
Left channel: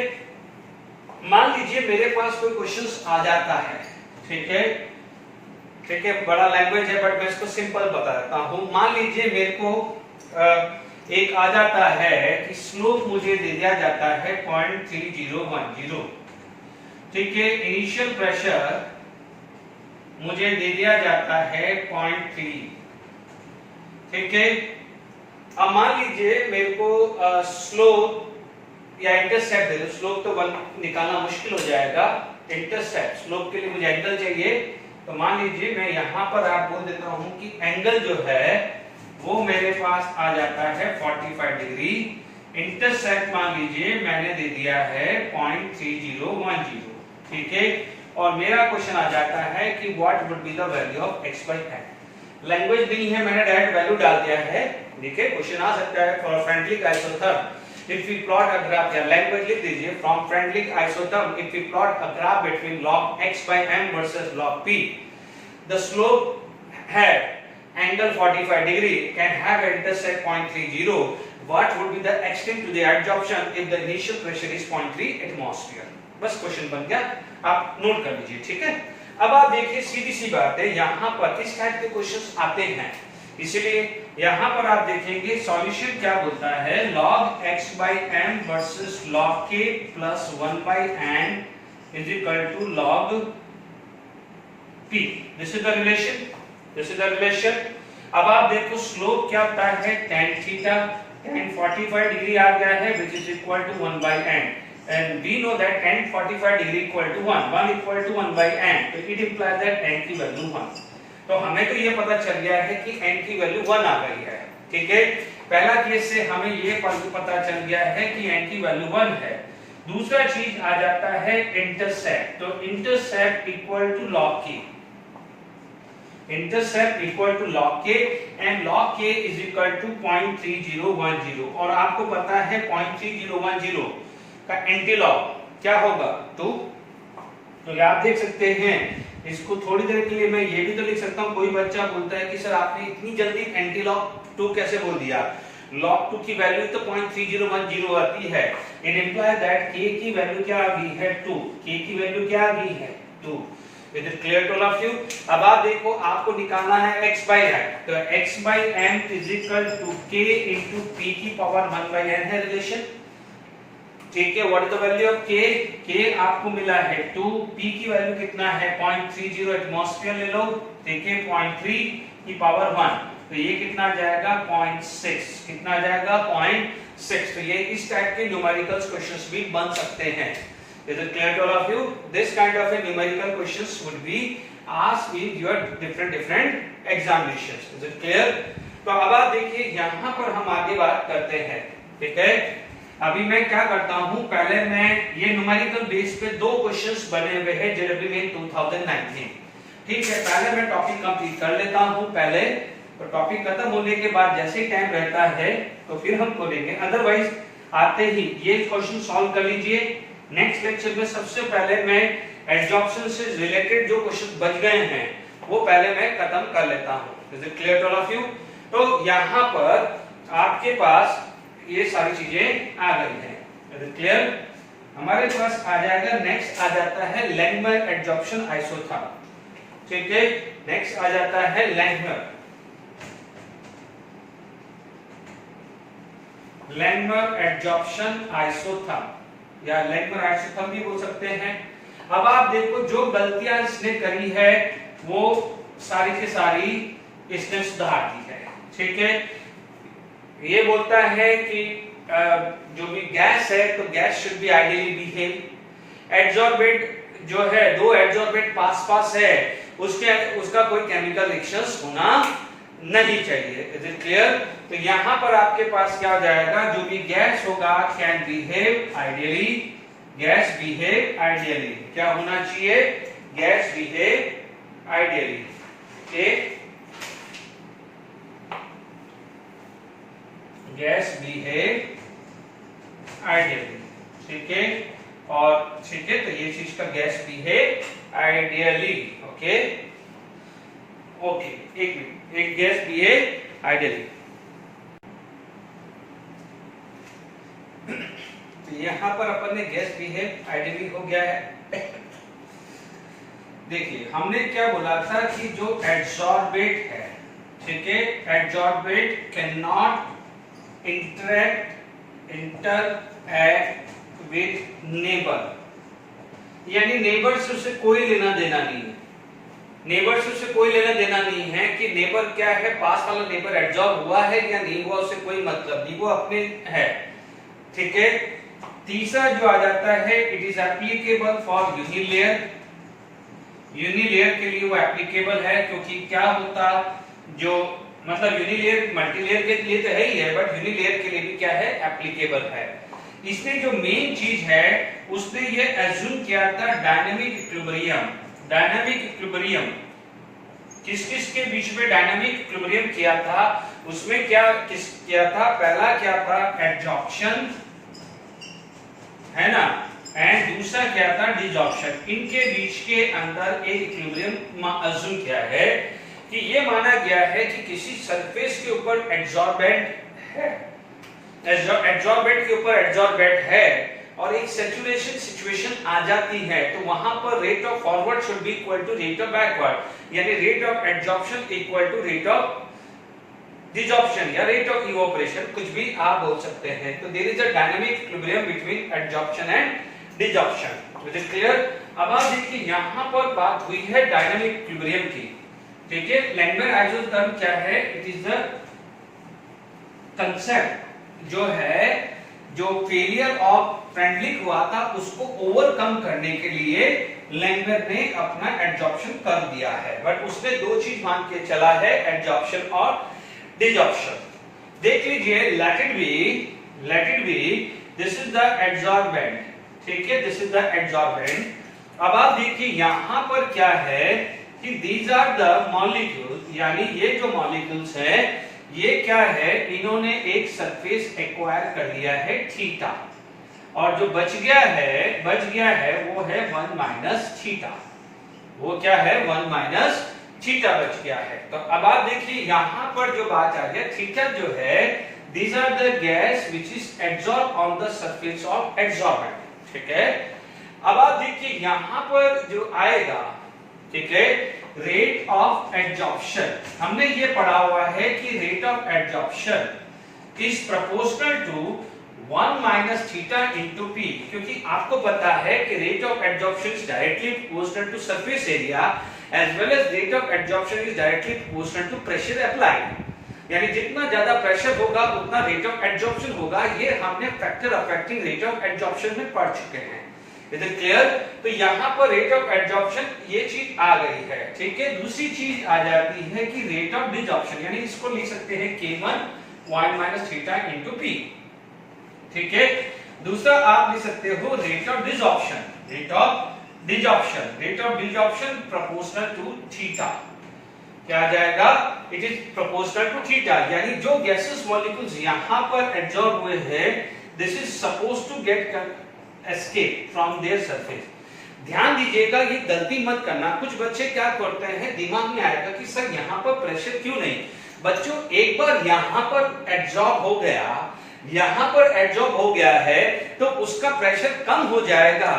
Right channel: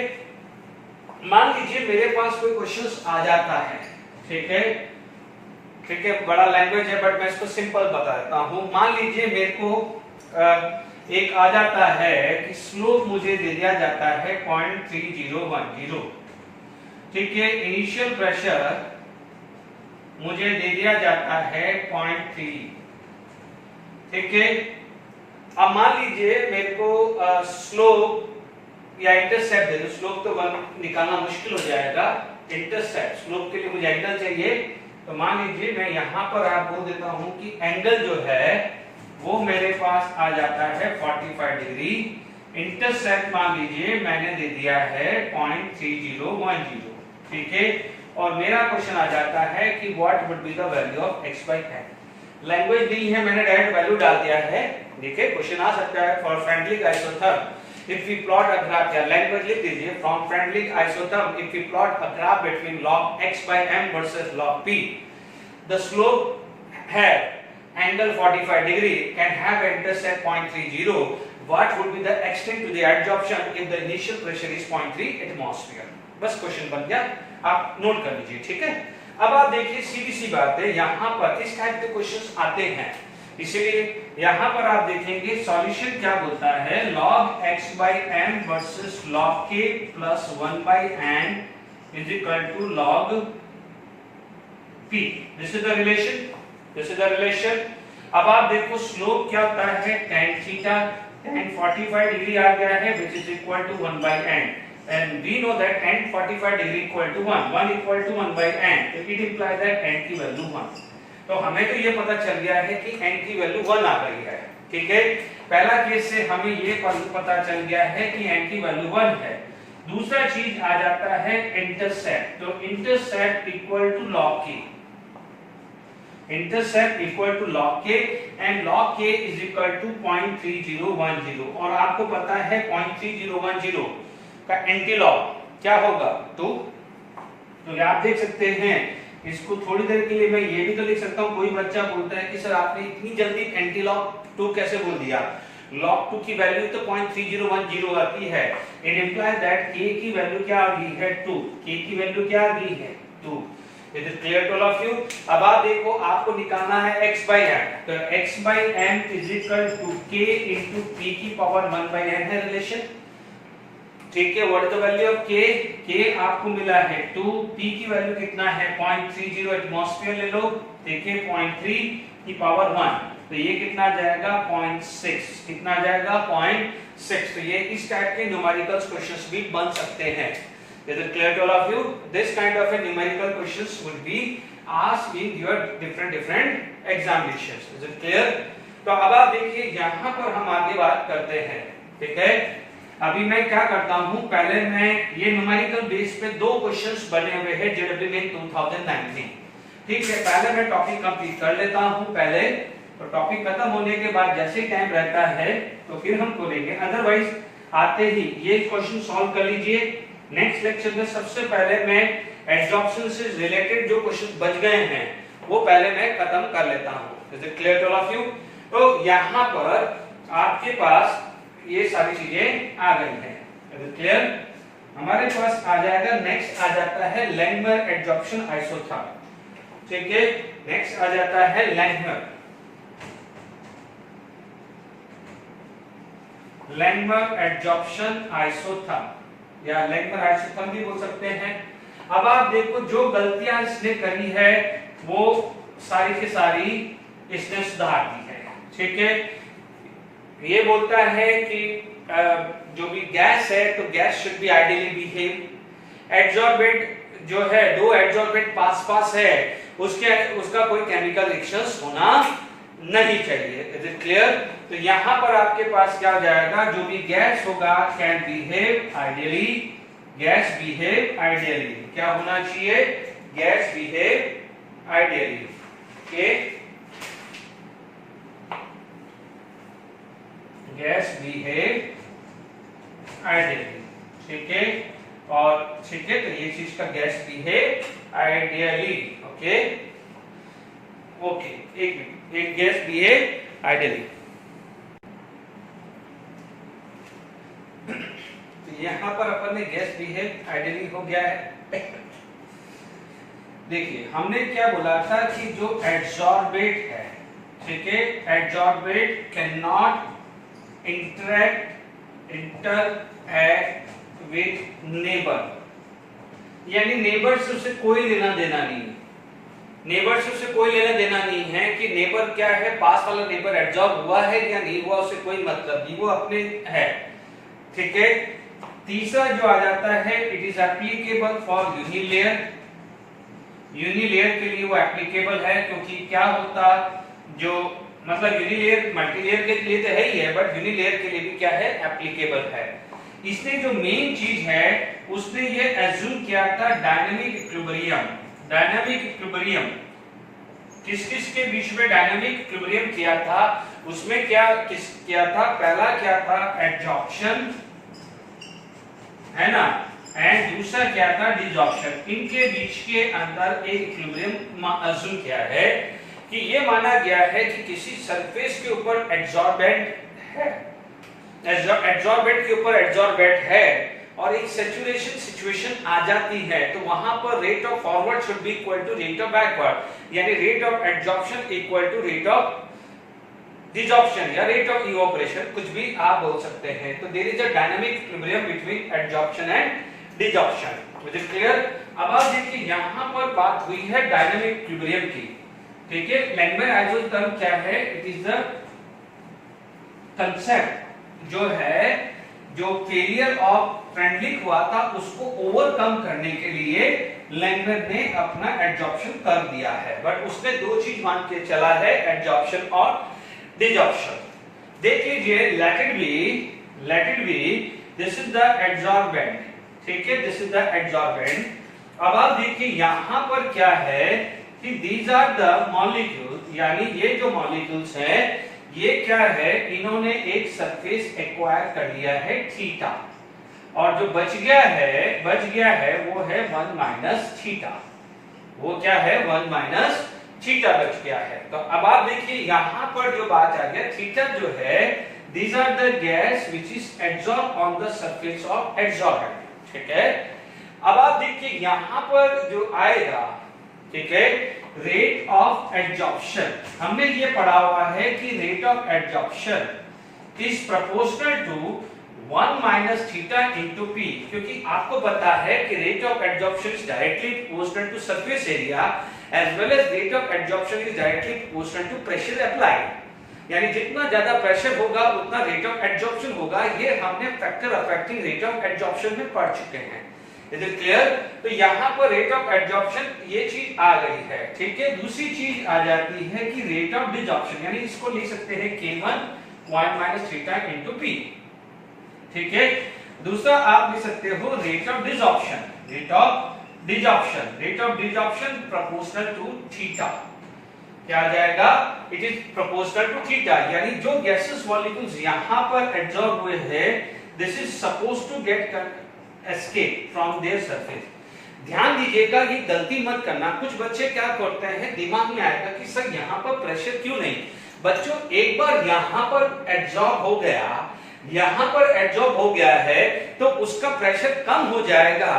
मान लीजिए मेरे पास कोई क्वेश्चंस आ जाता है, ठीक है, ठीक है, बड़ा लैंग्वेज है बट मैं इसको सिंपल बता देता हूं। मान लीजिए मेरे को एक आ जाता है कि स्लोप मुझे दे दिया जाता है 0.3010, ठीक है, इनिशियल प्रेशर मुझे दे दिया जाता है 0.3, ठीक है। अब मान लीजिए मेरे को स्लोप या इंटरसेप्ट दे दो, स्लोप तो निकालना मुश्किल हो जाएगा, इंटरसेप्ट स्लोप के लिए मुझे एंगल चाहिए। तो मान लीजिए मैं यहां पर आप बोल देता हूं कि एंगल जो है वो मेरे पास आ जाता है 45 डिग्री, इंटरसेप्ट मान लीजिए मैंने दे दिया है 0.3010, ठीक है। और मेरा क्वेश्चन आ जाता है कि what would be the value of x by n। Language नहीं है, मैंने डायरेक्ट वैल्यू डाल दिया है, देखिए क्वेश्चन आ सकता है for Freundlich isotherm if we plot a graph, या लैंग्वेज लिख दीजिए from Freundlich isotherm if we plot a graph between log x by m versus log p, the slope had angle 45 degree can have an intercept 0.30, what would be the extent to the adsorption if the initial pressure is 0.3 atmosphere। बस क्वेश्चन बन गया, आप नोट कर लीजिए, ठीक है। अब आप देखिए सीधी सी बात है, यहाँ पर इस टाइप के क्वेश्चंस आते हैं, इसलिए यहाँ पर आप देखेंगे सॉल्यूशन क्या बोलता है, log x by m versus log k plus 1 by n is equal to log p। This is the relation, this is the relation। अब आप देखो स्लोप क्या होता है, tan थीटा, tan 45 डिग्री आ गया है which is equal to 1 by n, and we know that tan 45 degree equal to 1 equal to 1 by n, so it implies that n की वैल्यू 1। तो हमें तो ये पता चल गया है कि n की वैल्यू 1 आ गई है, ठीक है। पहला केस से हमें ये पता चल गया है कि n की वैल्यू 1 है। दूसरा चीज आ जाता है इंटरसेप्ट, तो intercept equal to log k, intercept equal to log k and log k is equal to 0.3010, और आपको पता है 0.3010 का एंटीलॉग क्या होगा 2। तो आप देख सकते हैं, इसको थोड़ी देर के लिए मैं ये भी तो लिख सकता हूं, कोई बच्चा बोलता है कि सर आपने इतनी जल्दी एंटीलॉग 2 कैसे बोल दिया, log 2 की वैल्यू तो 0.3010 आती है, इट इंप्लाइज दैट k की वैल्यू क्या आ गई है 2, k की वैल्यू क्या आ गई है 2। Is it clear to all of you. अब आप देखो आपको निकालना है x by m, तो x by m is equal to k into p की पावर 1 by n है रिलेशन, ठीक है। What is the value of k, k आपको मिला है 2, p की वैल्यू कितना है 0.30 एटमॉस्फेयर ले लो, ठीक है, 0.3 की पावर 1, तो ये कितना जाएगा 0.6, कितना जाएगा 0.6। तो ये इस टाइप के न्यूमेरिकल क्वेश्चंस भी बन सकते हैं। Is it clear to all of you? This kind of a numerical questions would be asked in your different examinations. Is it clear? तो अब आप देखिए यहाँ पर हम आगे बात करते हैं, ठीक है। अभी मैं क्या करता हूँ, पहले मैं ये न्यूमेरिकल बेस पे 2 क्वेश्चंस बने हुए हैं जेडब्ल्यू में 2019, ठीक है। पहले मैं टॉपिक कंप्लीट कर लेता हूँ पहले, तो टॉपिक खत्म होने के बाद जैसे ही टाइम रहता है तो फिर हम खोलेंगे, अदरवाइज आते ही ये क्वेश्चन सॉल्व कर लीजिए। नेक्स्ट लेक्चर में सबसे पहले मैं एडजॉर्प्शन से रिलेटेड जो क्वेश्चन बच गए हैं वो पहले मैं खत्म कर लेता हूं। Is it clear to all of you? तो यहाँ पर आपके पास ये सारी चीजें आ गई हैं। Is it clear? हमारे पास आ जाएगा, नेक्स्ट आ जाता है लैंगमर एडजॉर्प्शन आइसोथर्म, ठीक है। नेक्स्ट आ जाता है लैंगमर एडजॉर्प्शन आइसोथर्म या लैंगमर आइसोथर्म भी बोल सकते हैं। अब आप देखो जो गलतियां इसने करी है वो सारी की सारी इसने सुधार दी है, ठीक है। ये बोलता है कि जो भी गैस है तो gas should be ideally behave, adsorbent जो है, 2 एडजॉर्बेंट पास है, उसका कोई केमिकल रिएक्शंस होना नहीं चाहिए। Is it clear? तो यहां पर आपके पास क्या हो जाएगा, जो भी गैस होगा can behave ideally, gas behave ideally, क्या होना चाहिए, gas behave ideally, okay, gas behave ideally, ठीक है। और ठीक है, तो ये चीज का gas behave ideally, okay okay, एक मिनट, एक गैस बिहेव आइडियली। तो यहां पर अपन ने गैस बिहेव आइडियली हो गया है। देखिए हमने क्या बोला था कि जो एडसॉर्बेट है, ठीक है, एडसॉर्बेट कैन नॉट इंटरएक्ट विद नेबर, यानी नेबर से उससे कोई लेना देना नहीं है। नेबर से उससे कोई लेना देना नहीं है कि नेबर क्या है, पास वाला नेबर एडसॉर्ब हुआ है या नहीं हुआ, उससे कोई मतलब नहीं, वो अपने है, ठीक है। तीसरा जो आ जाता है, इट इज एप्लीकेबल फॉर यूनिलेयर। यूनिलेयर के लिए वो एप्लीकेबल है, क्योंकि क्या होता, जो मतलब यूनिलेयर मल्टीलेयर के लिए तो है ही है, बट यूनिलेयर के लिए भी क्या है, एप्लीकेबल है। इसने जो मेन चीज है उसने ये एज्यूम किया था डायनामिक इक्विलिब्रियम। डायनामिक इक्विलिब्रियम किस के बीच में डायनामिक इक्विलिब्रियम किया था, उसमें क्या किया था, पहला क्या था, एडजॉर्प्शन, है ना, एंड दूसरा क्या था, डिसॉर्प्शन। इनके बीच के अंदर एक इक्विलिब्रियम अज्यूम किया है कि ये माना गया है कि किसी सरफेस के ऊपर एडसॉर्बेंट है, एडसॉर्बेंट के ऊपर एडसॉर्बेंट है और एक सैचुरेशन सिचुएशन आ जाती है, तो वहां पर rate of forward should be equal to rate of backward, यानी rate of adsorption equal to rate of desorption या रेट ऑफ इवेपोरेशन, कुछ भी आप बोल सकते हैं। तो there is a dynamic equilibrium between adsorption and desorption. Is it clear? अब आप देखिए यहां पर बात हुई है डायनामिक इक्विलिब्रियम की, ठीक है। लैंगमैन-एजोस टर्म क्या है, इट इज द कंसेप्ट जो है, जो फेलियर ऑफ फ्रेंडलिक हुआ था उसको ओवरकम करने के लिए लैंगमैन ने अपना एडसॉर्प्शन कर दिया है, बट उसने दो चीज मान के चला है, एडसॉर्प्शन और डिसॉर्प्शन। देख लीजिए, let it be this is the adsorbent, ठीक है, दिस इज द एडसॉर्बेंट। अब आप देखिए यहां पर क्या है कि दीज आर द मॉलिक्यूल, यानी ये जो मॉलिक्यूल्स हैं ये क्या है, इन्होंने एक सरफेस एक्वायर कर लिया है थीटा, और जो बच गया है वो है 1 माइनस थीटा, वो क्या है 1 माइनस थीटा बच गया है। तो अब आप देखिए यहां पर जो बात आ गया, थीटा जो है, these are the gas which is adsorbed on the surface of adsorbent, ठीक है। अब आप देखिए यहां पर जो आएगा, ठीक है, रेट ऑफ एडसॉर्प्शन, हमने ये पढ़ा हुआ है कि rate of adsorption is proportional to 1 minus theta into P, क्योंकि आपको पता है कि rate of adsorption is directly proportional to surface area as well as rate of adsorption is directly proportional to pressure applied, यानी जितना ज्यादा प्रेशर होगा उतना रेट ऑफ एडसॉर्प्शन होगा। ये हमने factor affecting rate of adsorption में पढ़ चुके हैं। Is it clear? तो यहां पर रेट ऑफ एडसॉर्प्शन ये चीज आ गई है, ठीक है। दूसरी चीज आ जाती है कि रेट ऑफ डिसॉर्प्शन, यानी इसको लिख सकते हैं K1 1 minus theta into P, ठीक है। दूसरा आप लिख सकते हो rate of desorption, rate of desorption proportional to theta, क्या आ जाएगा, it is proportional to theta, यानी जो गैसेस मॉलिक्यूल्स यहां पर एब्जॉर्ब हुए हैं, this is supposed to get escape from their surface. ध्यान दीजिएगा, ये गलती मत करना। कुछ बच्चे क्या करते हैं, दिमाग में आएगा कि सर यहाँ पर प्रेशर क्यों नहीं। बच्चों, एक बार यहाँ पर एब्जॉर्ब हो गया, यहाँ पर एब्जॉर्ब हो गया है तो उसका प्रेशर कम हो जाएगा।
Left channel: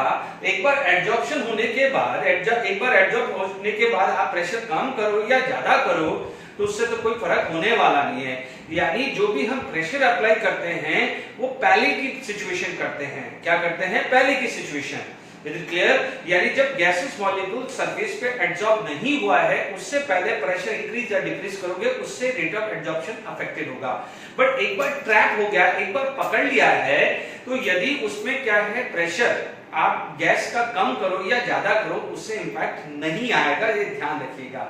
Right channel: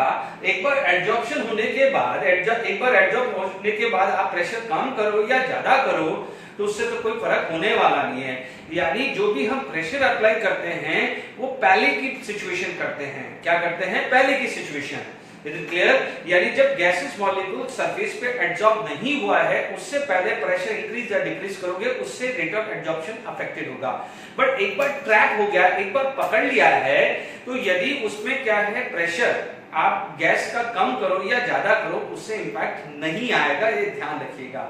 एक बार एब्जॉर्प्शन होने के बाद, एक बार एब्जॉर्ब होने के बाद आप प्रेशर कम करो या ज्यादा करो तो उससे तो कोई फर्क होने वाला नहीं है। यानी जो भी हम प्रेशर अप्लाई करते हैं वो पहले की सिचुएशन करते हैं। क्या करते हैं? पहले की सिचुएशन। Is it clear? यानी जब गैसेस मॉलिक्यूल सरफेस पे एब्जॉर्ब नहीं हुआ है उससे पहले प्रेशर इंक्रीज या डिक्रीज करोगे, उससे रेट ऑफ एब्जॉर्प्शन अफेक्टेड होगा। बट एक बार ट्रैप हो गया, एक बार पकड़ लिया है, तो यदि उसमें क्या है, प्रेशर आप गैस का कम करो या ज्यादा करो उससे इंपैक्ट नहीं आएगा, ये ध्यान रखिएगा।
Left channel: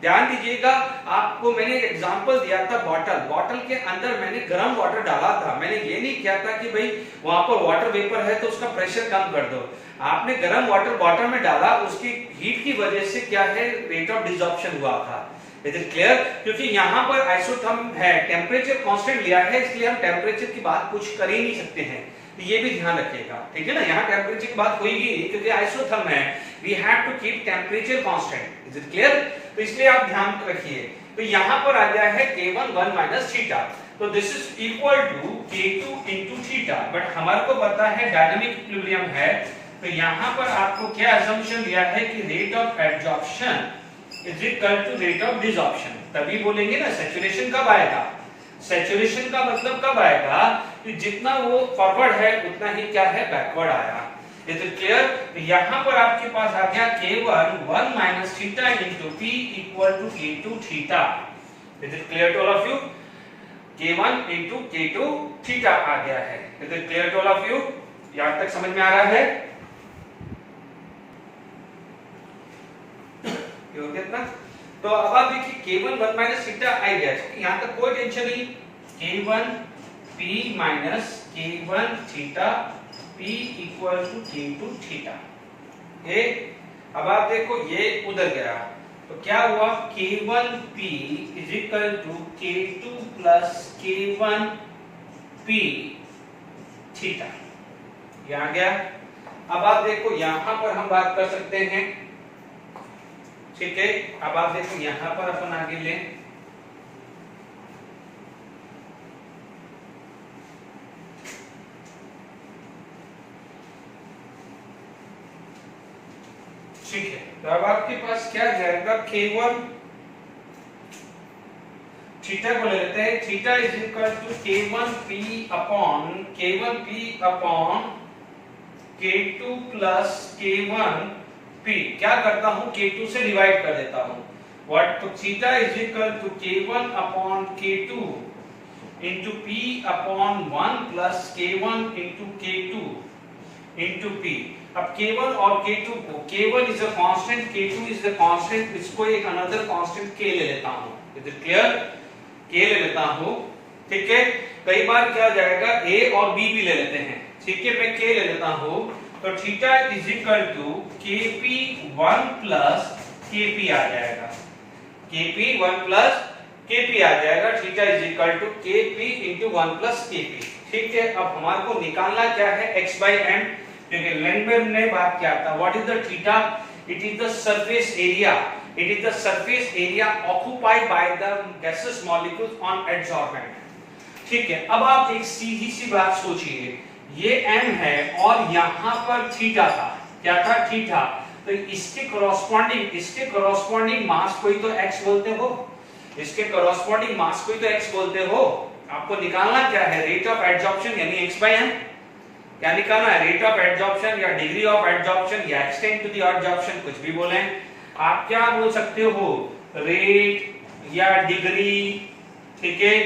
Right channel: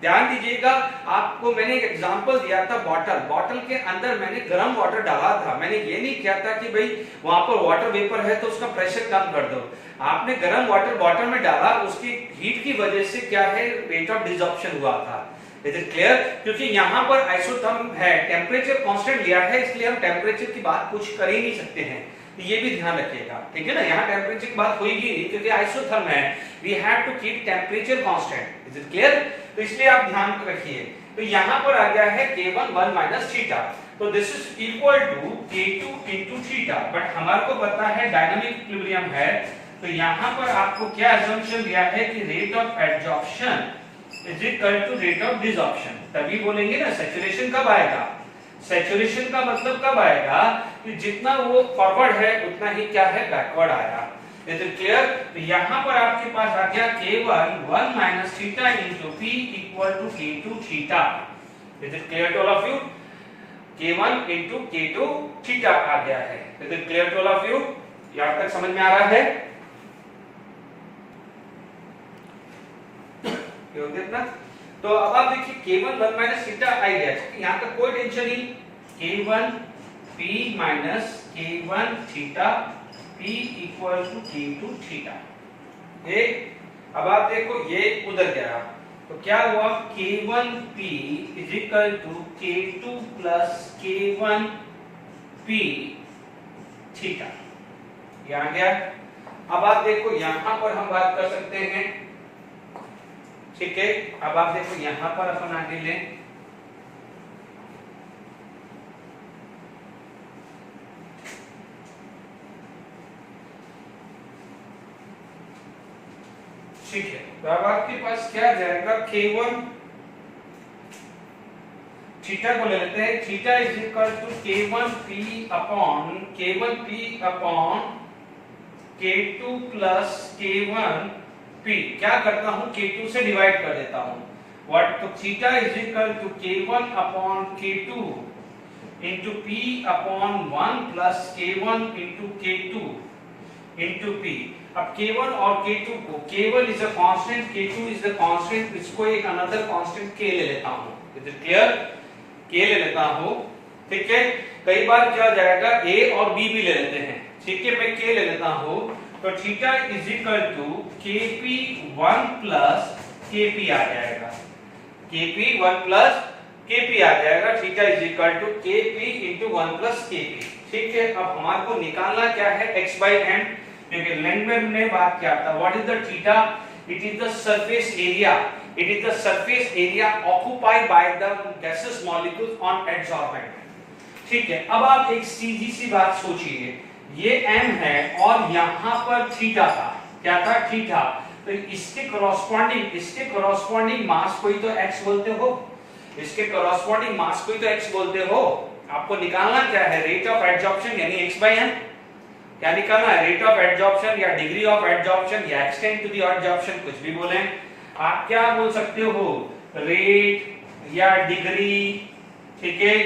ध्यान दीजिएगा, आपको मैंने एक एग्जांपल दिया था, बॉटल के अंदर मैंने गर्म वाटर डाला था। मैंने ये नहीं किया था कि भाई वहां पर वाटर वेपर है तो उसका प्रेशर कम कर दो। आपने गर्म वाटर बॉटल में डाला, उसकी हीट की वजह से क्या है, रेट ऑफ डिसॉर्प्शन हुआ था। Is it clear? क्योंकि यहाँ पर आइसोथर्म है, टेम्परेचर कांस्टेंट लिया है, इसलिए हम टेम्परेचर की बात कुछ कर ही नहीं सकते हैं। तो ये भी ध्यान रखिएगा, ठीक है ना। यहाँ टेम्परेचर की बात होगी नहीं क्योंकि आइसोथर्म है, we have to keep temperature constant. Is it clear? तो इसलिए आप ध्यान रखिए। तो यहाँ पर आ गया है K1 1 माइनस थीटा, तो this is equal to K2 into theta. But हमारे को पता है डायनामिक इक्विलिब्रियम है, तो यहाँ पर आपको क्या assumption दिया है कि rate of adsorption is equal to rate of desorption. तभी बोलेंगे ना सैचुरेशन कब आएगा। सैचुरेशन का मतलब कब आएगा कि जितना वो फॉरवर्ड है उतना ही क्या है बैकवर्ड आया। Is it clear. तो यहाँ पर आपके पास आ गया k1 1 minus theta into p equal to k2 theta। Is it clear to all of you. k1 into k2 theta आ गया है। Is it clear to all of you. यहाँ तक समझ में आ रहा है कितना। तो अब आप देखिए k1 1 minus theta आ गया, यहाँ तक कोई टेंशन नहीं। k1 p minus k1 theta p equal to k2 theta। अब आप देखो ये उधर गया तो क्या हुआ k1 p is equal to k2 plus k1 p theta। ये आ गया। अब आप देखो यहां पर हम बात कर सकते हैं, ठीक है। अब आप देखो यहां पर अपन आगे लें, ठीक है। तो अब आपके पास क्या जाएगा k1 थीटा को ले लेते हैं। Theta is equal to k1 p upon k2 plus k1 p। क्या करता हूं k2 से डिवाइड कर देता हूं। व्हाट, तो theta is equal to k1 upon k2 into p upon 1 plus k1 into k2 into p। अब k1 और k2 को, k1 is a constant, k2 is the constant, इसको एक अनदर कांस्टेंट k ले लेता हूं। Is it clear. k ले लेता हूं, ठीक है। कई बार क्या हो जाएगा a और b भी ले लेते हैं, ठीक है। मैं k ले लेता हूं तो theta is equal to kp 1 plus kp आ जाएगा। kp 1 प्लस kp आ जाएगा। Theta is equal to kp into 1 plus kp, ठीक है। अब हमारे को निकालना क्या है x बाई m, क्योंकि लेंथ में हमने बात किया था। What is the theta. It is the surface area, it is the surface area occupied by the gases molecules on adsorbent, ठीक है। अब आप एक सीधी सी बात सोचिए, ये m है और यहां पर थीटा था, क्या था थीटा। तो इसके कॉरस्पॉन्डिंग मास को ही तो x बोलते हो, इसके कॉरस्पॉन्डिंग मास को ही तो x बोलते हो। आपको निकालना क्या है, रेट ऑफ एडसॉर्प्शन यानी x बाय m। क्या निकालना है, रेट ऑफ एडसॉर्प्शन या डिग्री ऑफ एडसॉर्प्शन या एक्सटेंड टू द एडसॉर्प्शन, कुछ भी बोलें आप। क्या बोल सकते हो, रेट या डिग्री, ठीक है,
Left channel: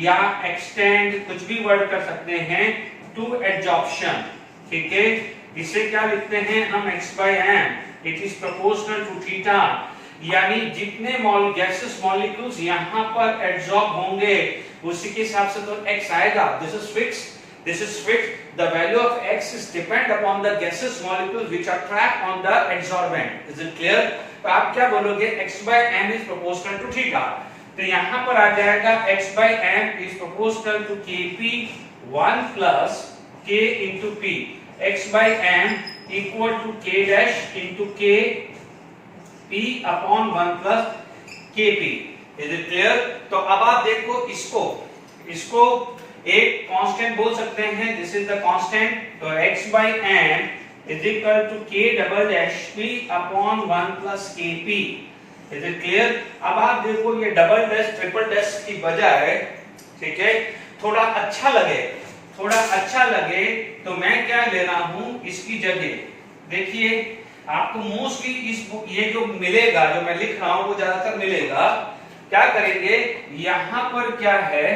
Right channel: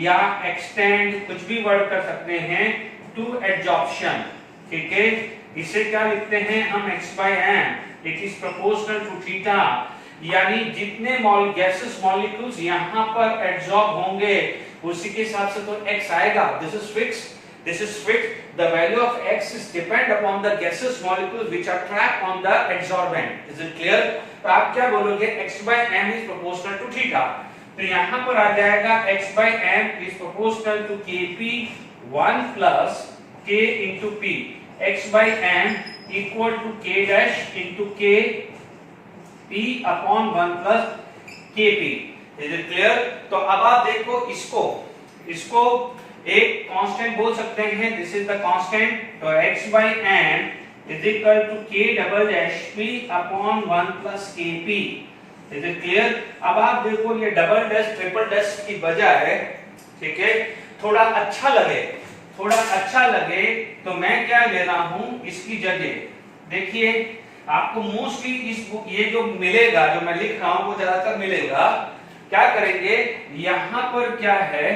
या एक्सटेंड, कुछ भी वर्ड कर सकते हैं टू एडसॉर्प्शन, ठीक है। इसे क्या लिखते हैं हम, x by m, it is proportional to theta. यानी जितने गैसेस मॉलिक्यूल्स यहां पर एडसॉर्ब होंगे उसी के हिसाब से तो x आएगा। This is fixed, this is fixed. The value of x is depend upon the gaseous molecules which are trapped on the adsorbent। Is it clear? तो आप क्या बोलोगे, x by m is proportional to theta। तो यहाँ पर आ जाएगा x by m is proportional to kp 1 plus k into p। x by m equal to k dash into k p upon 1 plus kp। Is it clear? तो अब आप देखो इसको एक कांस्टेंट बोल सकते हैं। This is the constant. तो x by m is equal to k double dash p upon 1 plus kp। Is it clear. अब आप देखो ये डबल डैश ट्रिपल डैश की बजाय, ठीक है, थोड़ा अच्छा लगे तो मैं क्या ले रहा हूं इसकी जगह। देखिए आपको मोस्टली ये जो मिलेगा, जो मैं लिख रहा हूं वो ज्यादातर मिलेगा। क्या करेंगे, यहां पर क्या है,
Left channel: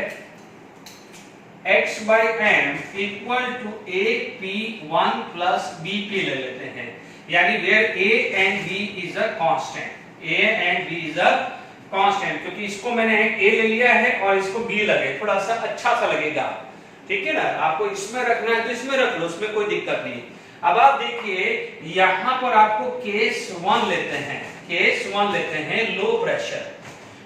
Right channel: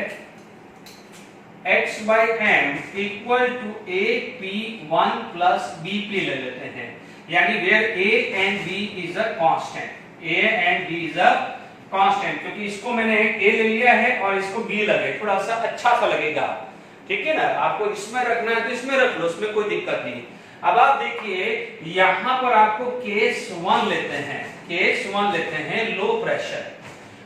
x by m equal to a p 1 plus b p ले लेते हैं। यानी where a and b is a constant, a and b is a constant, क्योंकि इसको मैंने a ले लिया है और इसको b लगे, थोड़ा सा अच्छा सा लगेगा, ठीक है ना। आपको इसमें रखना है तो इसमें रख लो, उसमें कोई दिक्कत नहीं। अब आप देखिए यहां पर आपको केस 1 लेते हैं,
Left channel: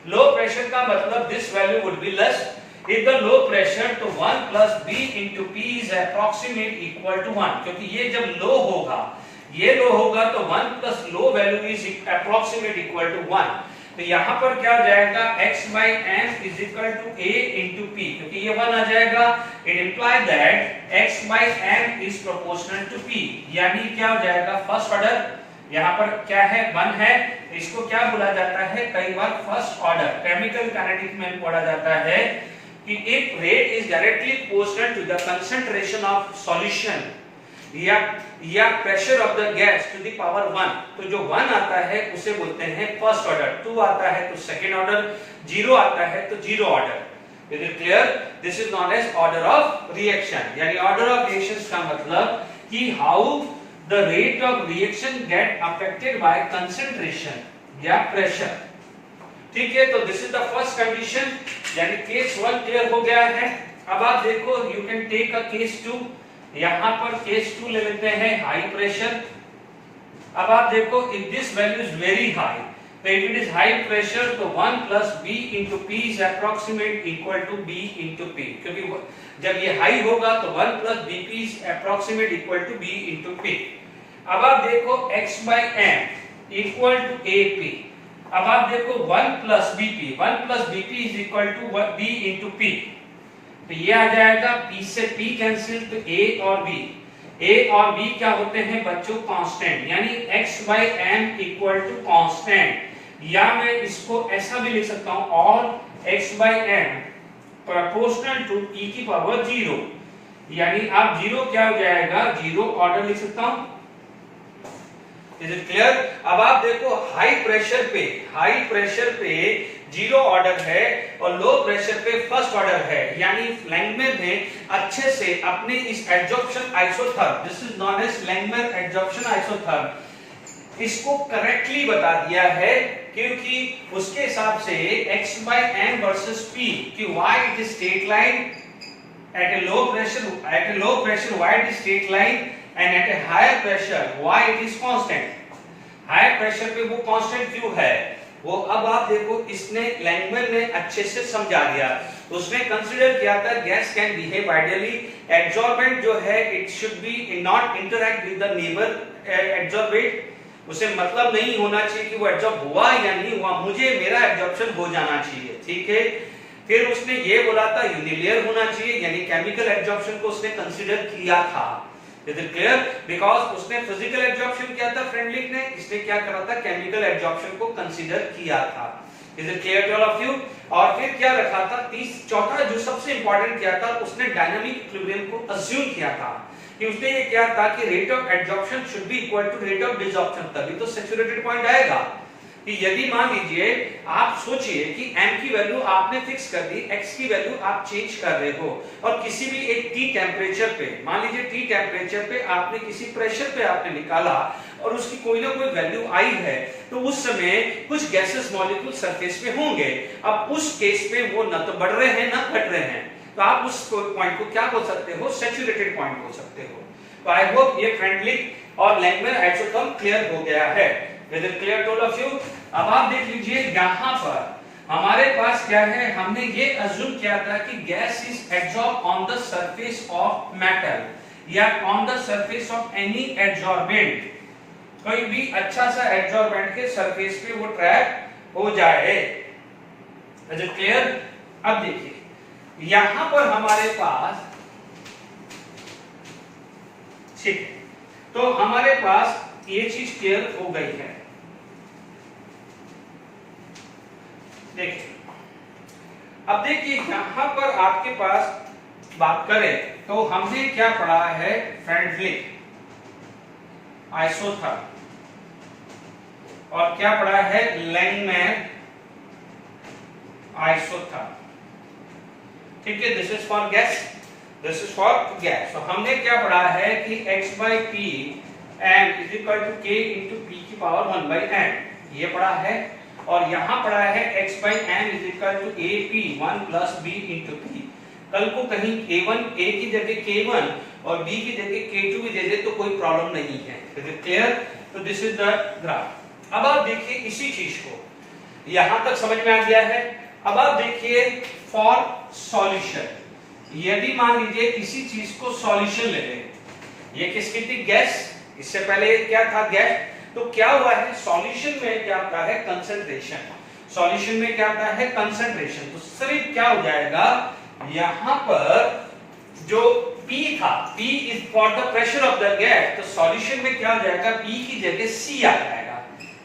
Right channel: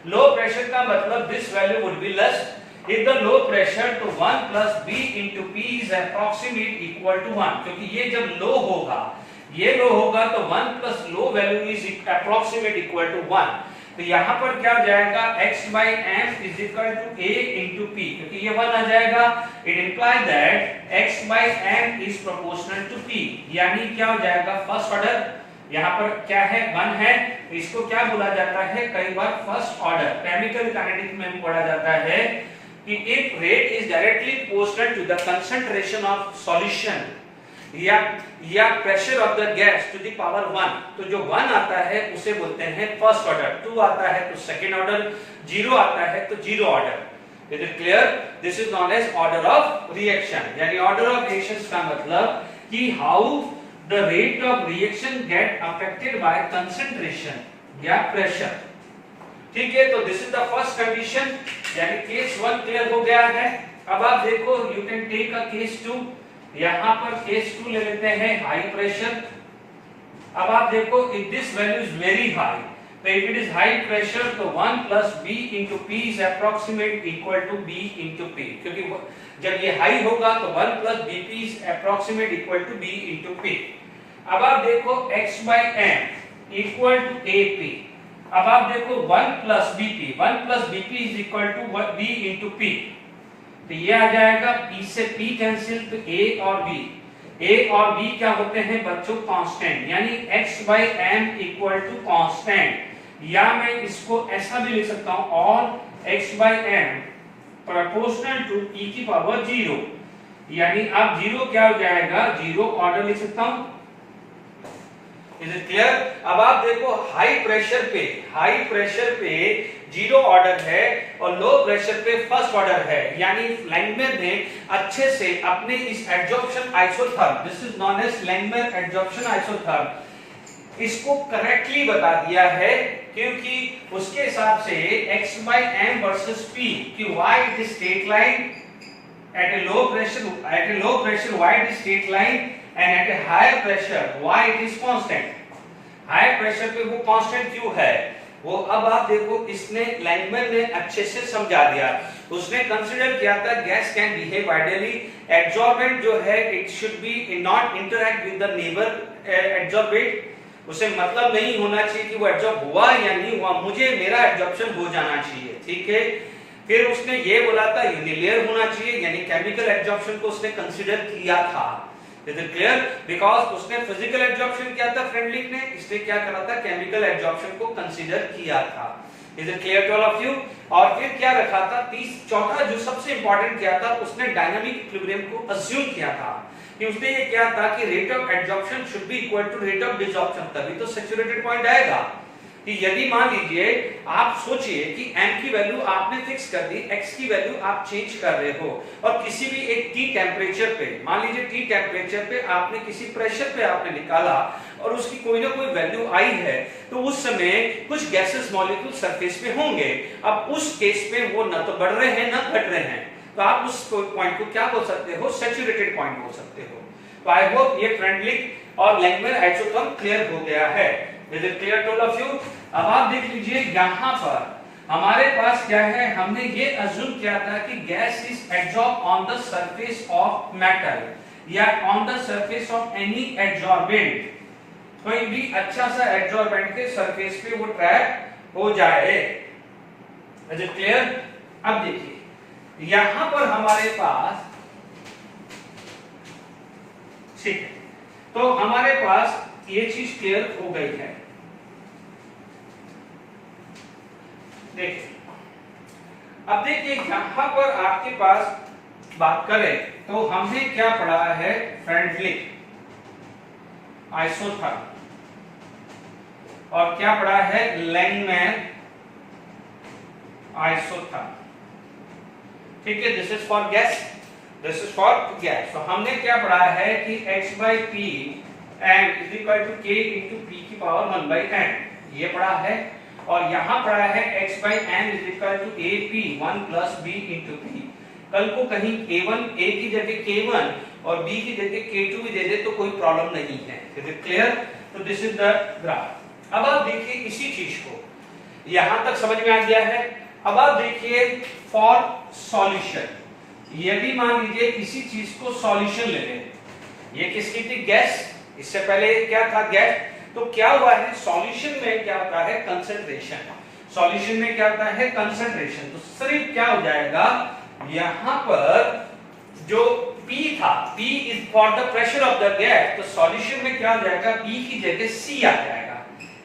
लो प्रेशर का मतलब this value would be less if the low pressure तो 1 plus b into p is approximate equal to 1, क्योंकि ये जब लो होगा तो 1 plus low value is approximate equal to 1। तो यहाँ पर क्या हो जाएगा x by m is equal to a into p, क्योंकि ये 1 आ जाएगा। It imply that x by m is proportional to p, यानी क्या हो जाएगा फर्स्ट ऑर्डर, यहाँ पर क्या है 1 है, इसको क्या बोला जाता है कई बार फर्स्ट ऑर्डर। केमिकल काइनेटिक्स में पढ़ा जाता है कि if rate is directly proportional to the concentration of solution या pressure of the gas to the power 1, तो जो 1 आता है उसे बोलते हैं फर्स्ट ऑर्डर, 2 आता है तो सेकंड ऑर्डर, 0 आता है तो zero order. Is it clear? This is known as order of reaction. यानी ऑर्डर ऑफ रिएक्शन का मतलब कि how the rate of reaction get affected by concentration या pressure। ठीक है, तो this is the first condition, यानी केस 1 क्लियर हो गया है। अब आप देखो you can take a case 2, यहाँ पर केस 2 ले लेते हैं हाई प्रेशर। अब आप देखो if this value is very high, तो if it is high pressure तो 1 plus B into P is approximate equal to B into P, क्योंकि जब ये हाई होगा तो 1 plus BP is approximate equal to B into P। अब आप देखो x by m equal to AP। अब आप देखो 1 plus BP is equal to B into P, तो ये आ जाएगा P से P कैंसिल, तो A और B क्या होते हैं बच्चों कांस्टेंट, यानी x by m equal to constant. या मैं इसको ऐसा भी लिख सकता हूं और x by m proportional to e की पावर 0, यानी आप 0 क्या हो जाएगा 0 ऑर्डर लिख सकता हूं। Is it clear? अब आप देखो हाई प्रेशर पे 0 ऑर्डर है और लो प्रेशर पे फर्स्ट ऑर्डर है, यानी लैंगमैन ने अच्छे से अपने इस adsorption isotherm, this is known as Langmuir adsorption isotherm, इसको करेक्टली बता दिया है, क्योंकि उसके हिसाब से x by m versus p कि y is straight line at a low pressure y is straight line and at a higher pressure y it is constant। Higher pressure पे वो कांस्टेंट क्यों है वो अब आप देखो इसने लैंगमैन ने अच्छे से समझा दिया। उसने कंसीडर किया था gas can behave ideally, adsorbent जो है it should be not interact with the neighbour adsorbent, उसे मतलब नहीं होना चाहिए कि वो एब्जॉर्ब हुआ या नहीं हुआ, मुझे मेरा एब्जॉर्प्शन हो जाना चाहिए। ठीक है, फिर उसने ये बोला था यूनिलेयर होना चाहिए, यानी केमिकल एब्जॉर्प्शन को उसने कंसीडर किया था। Is it clear? बिकॉज उसने फिजिकल एब्जॉर्प्शन किया था फ्रेंडलिक ने, इसने क्या करा था केमिकल एब्जॉर्प्शन को कंसीडर किया था। Is it clear to all of you? और फिर क्या रखा था चौथा जो सबसे इंपॉर्टेंट किया था, उसने डायनामिक इक्विलिब्रियम को अज्यूम किया था कि उसने ये क्या था कि rate of adsorption should be equal to rate of desorption, तभी तो सैचुरेटेड पॉइंट आएगा। कि यदि मान लीजिए आप सोचिए कि m की वैल्यू आपने फिक्स कर दी, x की वैल्यू आप चेंज कर रहे हो और किसी भी एक T टेम्परेचर पे, मान लीजिए T टेम्परेचर पे आपने किसी प्रेशर पे आपने निकाला और उसकी कोई ना कोई वैल्यू आई है, तो उस समय कुछ गैसेस मॉलिक्यूल सरफेस पे होंगे। अब उस केस पे वो न तो बढ़ रहे हैं ना घट रहे हैं, तो आप उस पॉइंट को क्या बोल सकते हो, सैचुरेटेड पॉइंट बोल सकते हो। तो आई होप ये फ्रेंडलिक और लैंगमैन आइसोथर्म क्लियर हो गया है। Is it clear to all of you? अब आप देख लीजिए यहाँ पर हमारे पास क्या है, हमने ये अज्यूम किया था कि gas is absorb on the surface of metal या on the surface of any adsorbent, कोई भी अच्छा सा एडजॉर्बेंट के सरफेस पे वो ट्रैप हो जाए। Is it clear? अब देखिए यहां पर हमारे पास, ठीक है, तो हमारे पास ये चीज क्लियर हो गई है। देखिए अब देखिए यहां पर आपके पास बात करें तो हमने क्या पढ़ा है, फ्रेंडलिक आइसोथर्म और क्या पढ़ा है, लैंगमैन आइसोथर्म। ठीक है, this is for gas, this is for gas. तो हमने क्या पढ़ा है कि x by p and is equal to k into p की पावर 1 by n, ये पढ़ा है। और यहां पढ़ा है x by m is equal to ap 1 plus b into p। कल को कहीं a1 a की जगह k1 और b की जगह k2 भी दे दे तो कोई प्रॉब्लम नहीं है। Is it clear? तो दिस इज द ग्राफ। अब आप देखिए इसी चीज को, यहां तक समझ में आ गया है। अब आप देखिए फॉर सॉल्यूशन, यदि मान लीजिए इसी चीज को सॉल्यूशन ले लें, ये किसकी थी, गैस, इससे पहले क्या था, गैस। तो क्या हुआ है सॉल्यूशन में, क्या होता है कंसंट्रेशन, सॉल्यूशन में क्या आता है कंसंट्रेशन। तो सिर्फ क्या हो जाएगा यहां पर जो P था, P is for the pressure of the gas, तो सॉल्यूशन में क्या हो जाएगा P की जगह C आ जाएगा।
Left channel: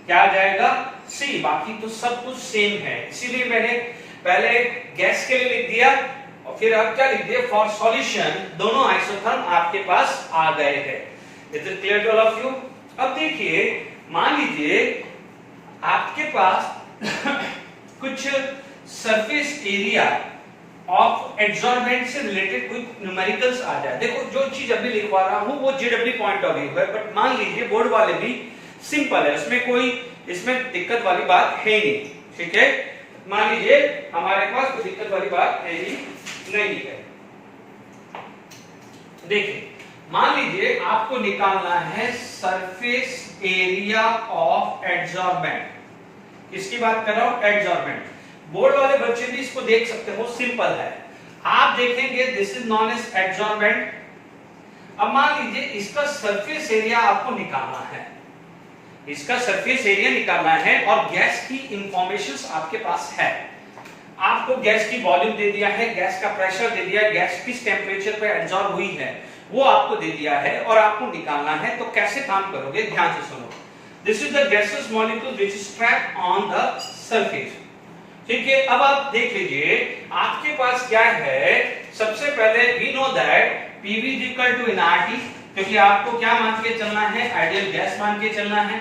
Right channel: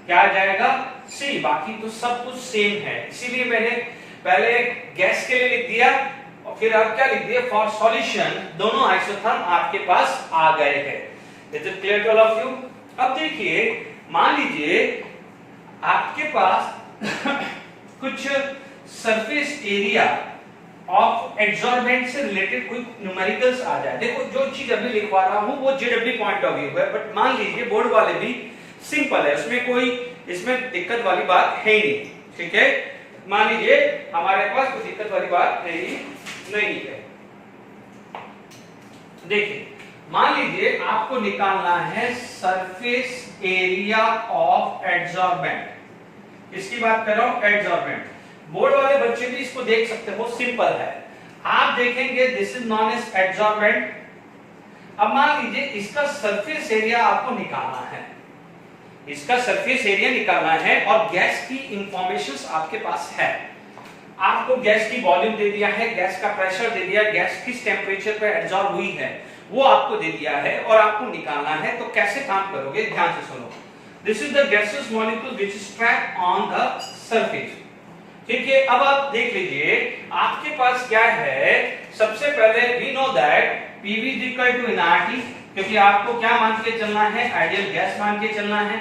क्या आ जाएगा C, बाकी तो सब कुछ सेम है। इसीलिए मैंने पहले गैस के लिए लिख दिया और फिर अब क्या लिख दिया फॉर सॉल्यूशन, दोनों आइसोथर्म आपके पास आ गए हैं। Is it clear to all of you? अब देखिए मान लीजिए आपके पास कुछ सरफेस एरिया ऑफ एड्सॉर्बेंट से रिलेटेड कोई न्यूमेरिकल्स आ जाए। देखो जो चीज अभी लिखवा रहा हूं वो जेडब्ल्यू पॉइंट ऑफ व्यू है, बट मान लीजिए बोर्ड वाले भी सिंपल है, उसमें कोई इसमें दिक्कत वाली बात है ही नहीं। ठीक है, मान लीजिए हमारे पास कोई दिक्कत वाली बात है ही नहीं है। देखिए मान लीजिए आपको निकालना है सरफेस एरिया ऑफ एड्सॉर्बेंट। किसकी बात कर रहा हूं? एड्सॉर्बेंट। बोर्ड वाले बच्चे भी इसको देख सकते हो, सिंपल है। आप देखेंगे this is known as adsorbent. अब मान लीजिए इसका सरफेस एरिया आपको निकालना है, इसका सरफेस एरिया निकालना है और गैस की इंफॉर्मेशंस आपके पास है। आपको गैस की वॉल्यूम दे दिया है, गैस का प्रेशर दे दिया है, गैस किस टेंपरेचर पे एब्जॉर्ब हुई है वो आपको दे दिया है और आपको निकालना है। तो कैसे काम करोगे, ध्यान से सुनो। This is the gases molecule which is trapped on the surface. ठीक है, अब आप देख लीजिए आपके पास क्या है। सबसे पहले we know that PV is equal to nRT, क्योंकि आपको क्या मान के चलना है, आइडियल गैस मान के चलना है।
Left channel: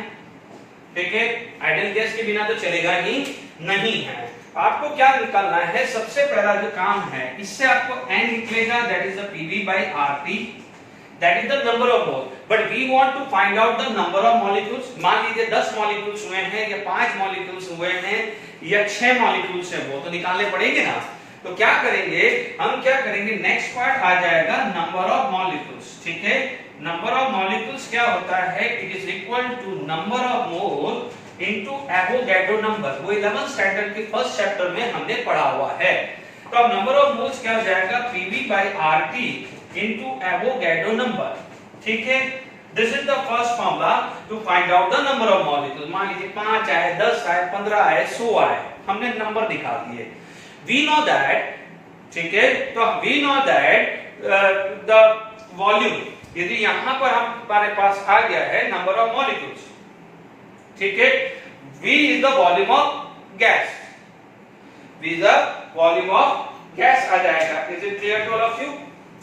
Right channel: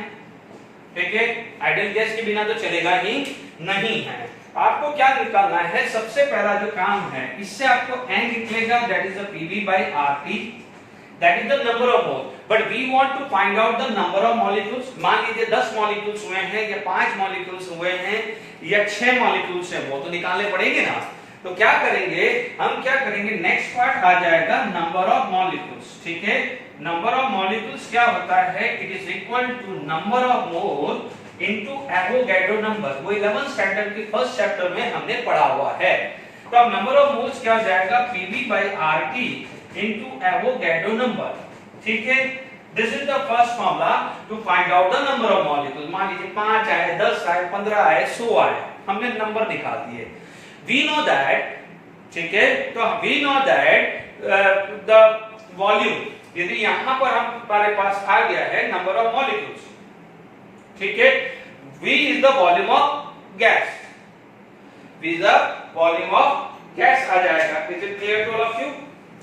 ठीक है, आइडियल गैस के बिना तो चलेगा ही नहीं है। आपको क्या निकालना है, सबसे पहला जो काम है इससे आपको n निकलेगा, that is the PV by RT, that is the number of mole. But we want to find out the number of molecules. मान लीजिए 10 मॉलिक्यूल्स हुए हैं या 5 मॉलिक्यूल्स हुए हैं या 6 मॉलिक्यूल्स हैं, वो तो निकालने पड़ेंगे ना। तो क्या करेंगे हम, क्या करेंगे, नेक्स्ट पार्ट आ जाएगा नंबर ऑफ मॉलिक्यूल्स। ठीक है, नंबर ऑफ मॉलिक्यूल्स क्या होता है, it is equal to number of mole into Avogadro number. वो 11th स्टैंडर्ड के फर्स्ट चैप्टर में हमने पढ़ा हुआ है। तो अब नंबर ऑफ मोल्स क्या हो जाएगा, PV by RT into Avogadro number. ठीक है, this is the first formula to find out the number of molecules. मान लीजिए 5 आए, 10 आए, 15 आए, 100 आए, हमने नंबर दिखा दिए। We know that, ठीक है, तो we know that the volume, यदि यहां पर हमारे पास आ गया है नंबर ऑफ मॉलिक्यूल्स, ठीक है, V is the volume of gas, V is the volume of gas आ जाएगा। Is it clear to all of you?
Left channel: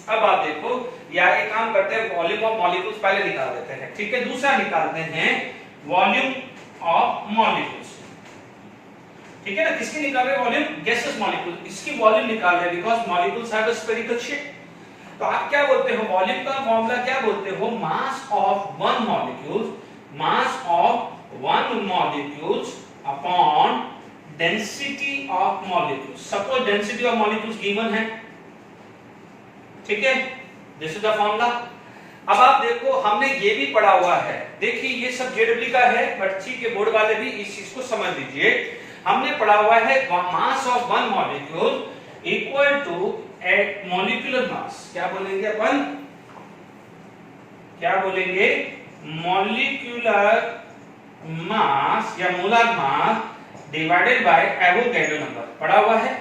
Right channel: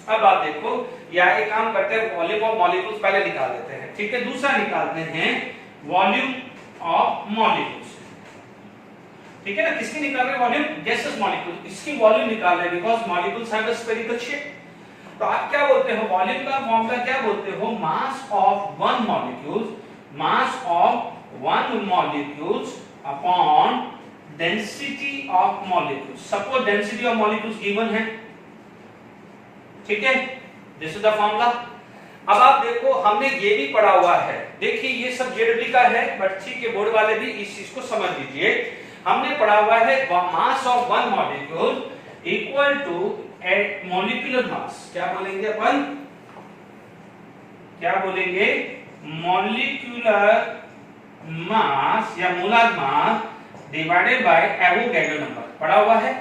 अब आप देखो, या एक काम करते हैं, वॉल्यूम ऑफ मॉलिक्यूल्स पहले निकाल देते हैं। ठीक है, दूसरा निकालते हैं वॉल्यूम ऑफ मॉलिक्यूल्स। ठीक है ना, किसकी निकाल रहे हैं वॉल्यूम, गैसेस मॉलिक्यूल, इसकी वॉल्यूम निकाल रहे हैं because molecules have the spherical shape. तो आप क्या बोलते हो, वॉल्यूम का फॉर्मूला क्या बोलते हो, मास of one molecule, mass of one molecules upon density of molecules. Suppose density of molecules given है, ठीक है, दिस इज द फॉर्मूला। अब आप देखो हमने ये भी पढ़ा हुआ है, देखिए ये सब जेडब्ल्यू का है, बट ठीक है बोर्ड वाले भी इस चीज को समझ लीजिए। हमने पढ़ा हुआ है mass of one molecule equal to molecular mass. क्या बोलेंगे अपन, क्या बोलेंगे, मॉलिक्यूलर मास या molar mass divided by Avogadro number. पढ़ा हुआ है,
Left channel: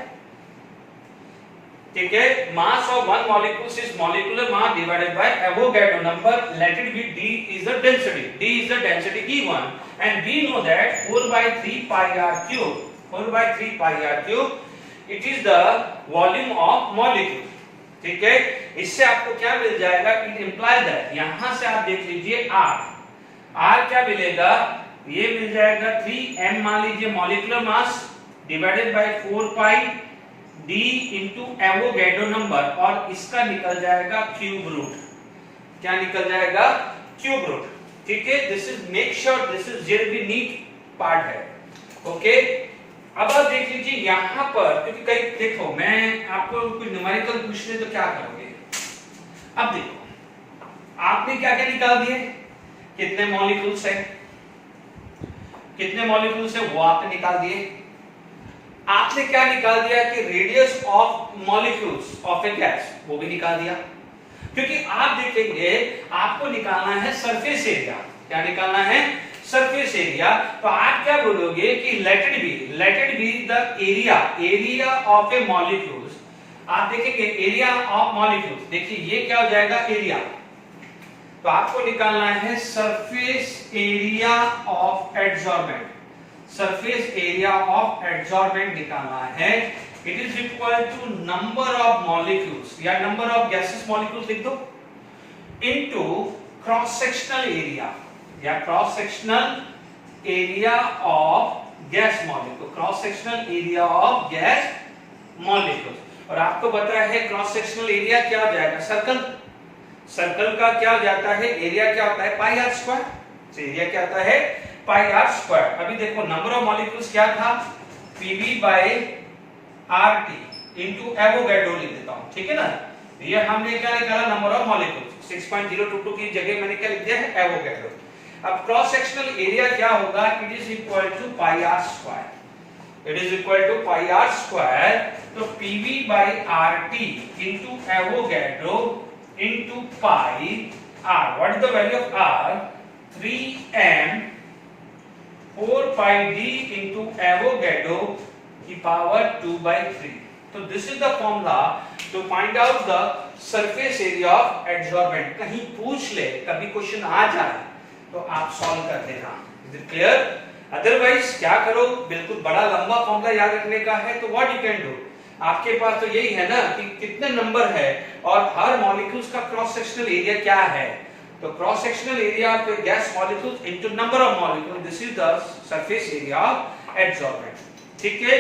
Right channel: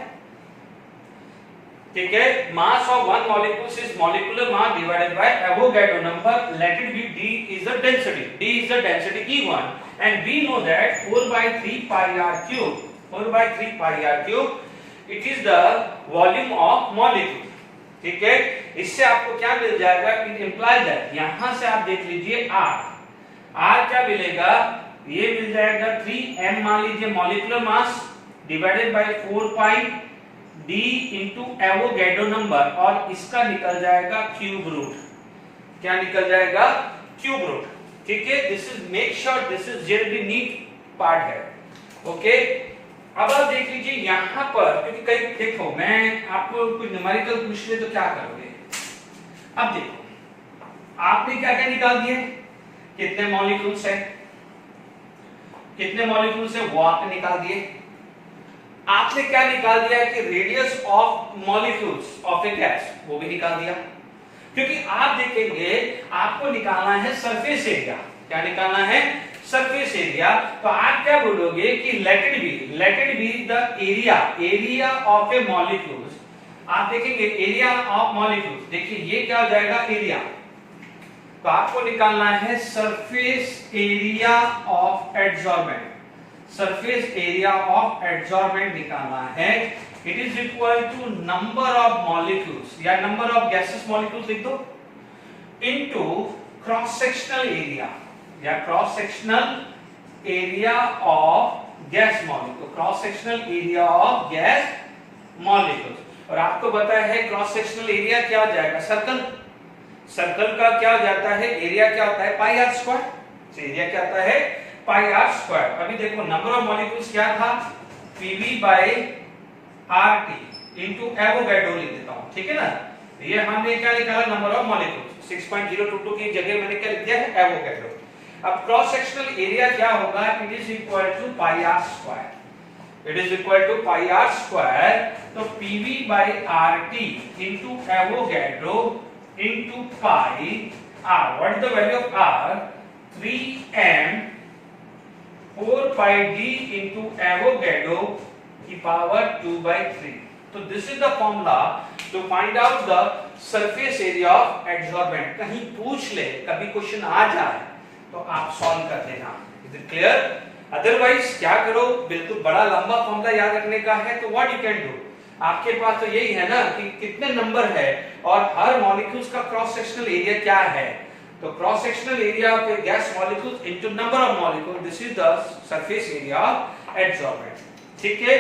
ठीक है। Mass of one molecule is molecular mass divided by Avogadro number, let it be d is the density, d is the density given, and we know that 4/3 pi r cube, 4/3 pi r cube, it is the volume of molecule। ठीक है, इससे आपको क्या मिल जाएगा, इट इंप्लाइज दैट, यहां से आप देख लीजिए r क्या मिलेगा, ये मिल जाएगा 3m, मान लीजिए molecular mass divided bye 4 pi d into Avogadro number, और इसका निकल जाएगा क्यूब रूट। क्या निकल जाएगा, क्यूब रूट। ठीक है, this is, make sure this is very neat part है। ओके, अब आप देख लीजिए यहां पर, क्योंकि कई देखो मैं आपको कोई न्यूमेरिकल पूछ ले तो क्या करोगे। अब देखो आपने क्या क्या निकाल दिए, कितने मॉलिक्यूल्स है, कितने मॉलिक्यूल्स है वो आपने निकाल दिए। आपने क्या निकाल दिया कि radius of molecules of A gas, वो भी निकाल दिया। क्योंकि आप देखेंगे आपको निकालना है सरफेस एरिया। क्या निकालना है, सरफेस एरिया, तो आप क्या बोलोगे कि late it be the area of A molecules. आप देखेंगे एरिया ऑफ मॉलिक्यूल्स, देखिए ये क्या हो जाएगा एरिया, तो आपको निकालना है surface area of adsorbent, surface area of adsorbent निकालना है। It is equal to number of molecules या नंबर ऑफ गैसेस मॉलिक्यूल्स लिख दो इनटू क्रॉस सेक्शनल एरिया या cross sectional area of gas molecule, cross sectional area of gas molecules. और आपको पता है क्रॉस सेक्शनल एरिया क्या हो जाएगा, सर्कल का क्या हो जाता है एरिया, क्या होता है पाई आर स्क्वायर। एरिया क्या होता है पाई आर स्क्वायर। अभी देखो नंबर ऑफ मॉलिक्यूल्स क्या था, PV by RT into Avogadro लिख देता हूं, ठीक है ना। ये हमने क्या निकाला नंबर ऑफ मॉलिक्यूल्स, 6.022 की जगह मैंने क्या लिख दिया है एवोगैड्रो। अब क्रॉस सेक्शनल एरिया क्या होगा, it is equal to pi r square, it is equal to pi r square. तो PV by RT into Avogadro into pi r. What is the value of r? 3m 4 pi d into Avogadro की power 2/3. So this is the formula to find out the surface area of adsorbent. कहीं पूछ ले, कभी क्वेश्चन आ जाए तो आप सॉल्व कर देना। Is it clear? Otherwise क्या करो, बिल्कुल बड़ा लंबा फॉर्मूला याद रखने का है तो what you can do, आपके पास तो यही है ना कि कितने नंबर है और हर मॉलिक्यूल्स का क्रॉस सेक्शनल एरिया क्या है। तो cross sectional area of the gas molecules into number of molecule, this is the surface area of adsorbent. ठीक है,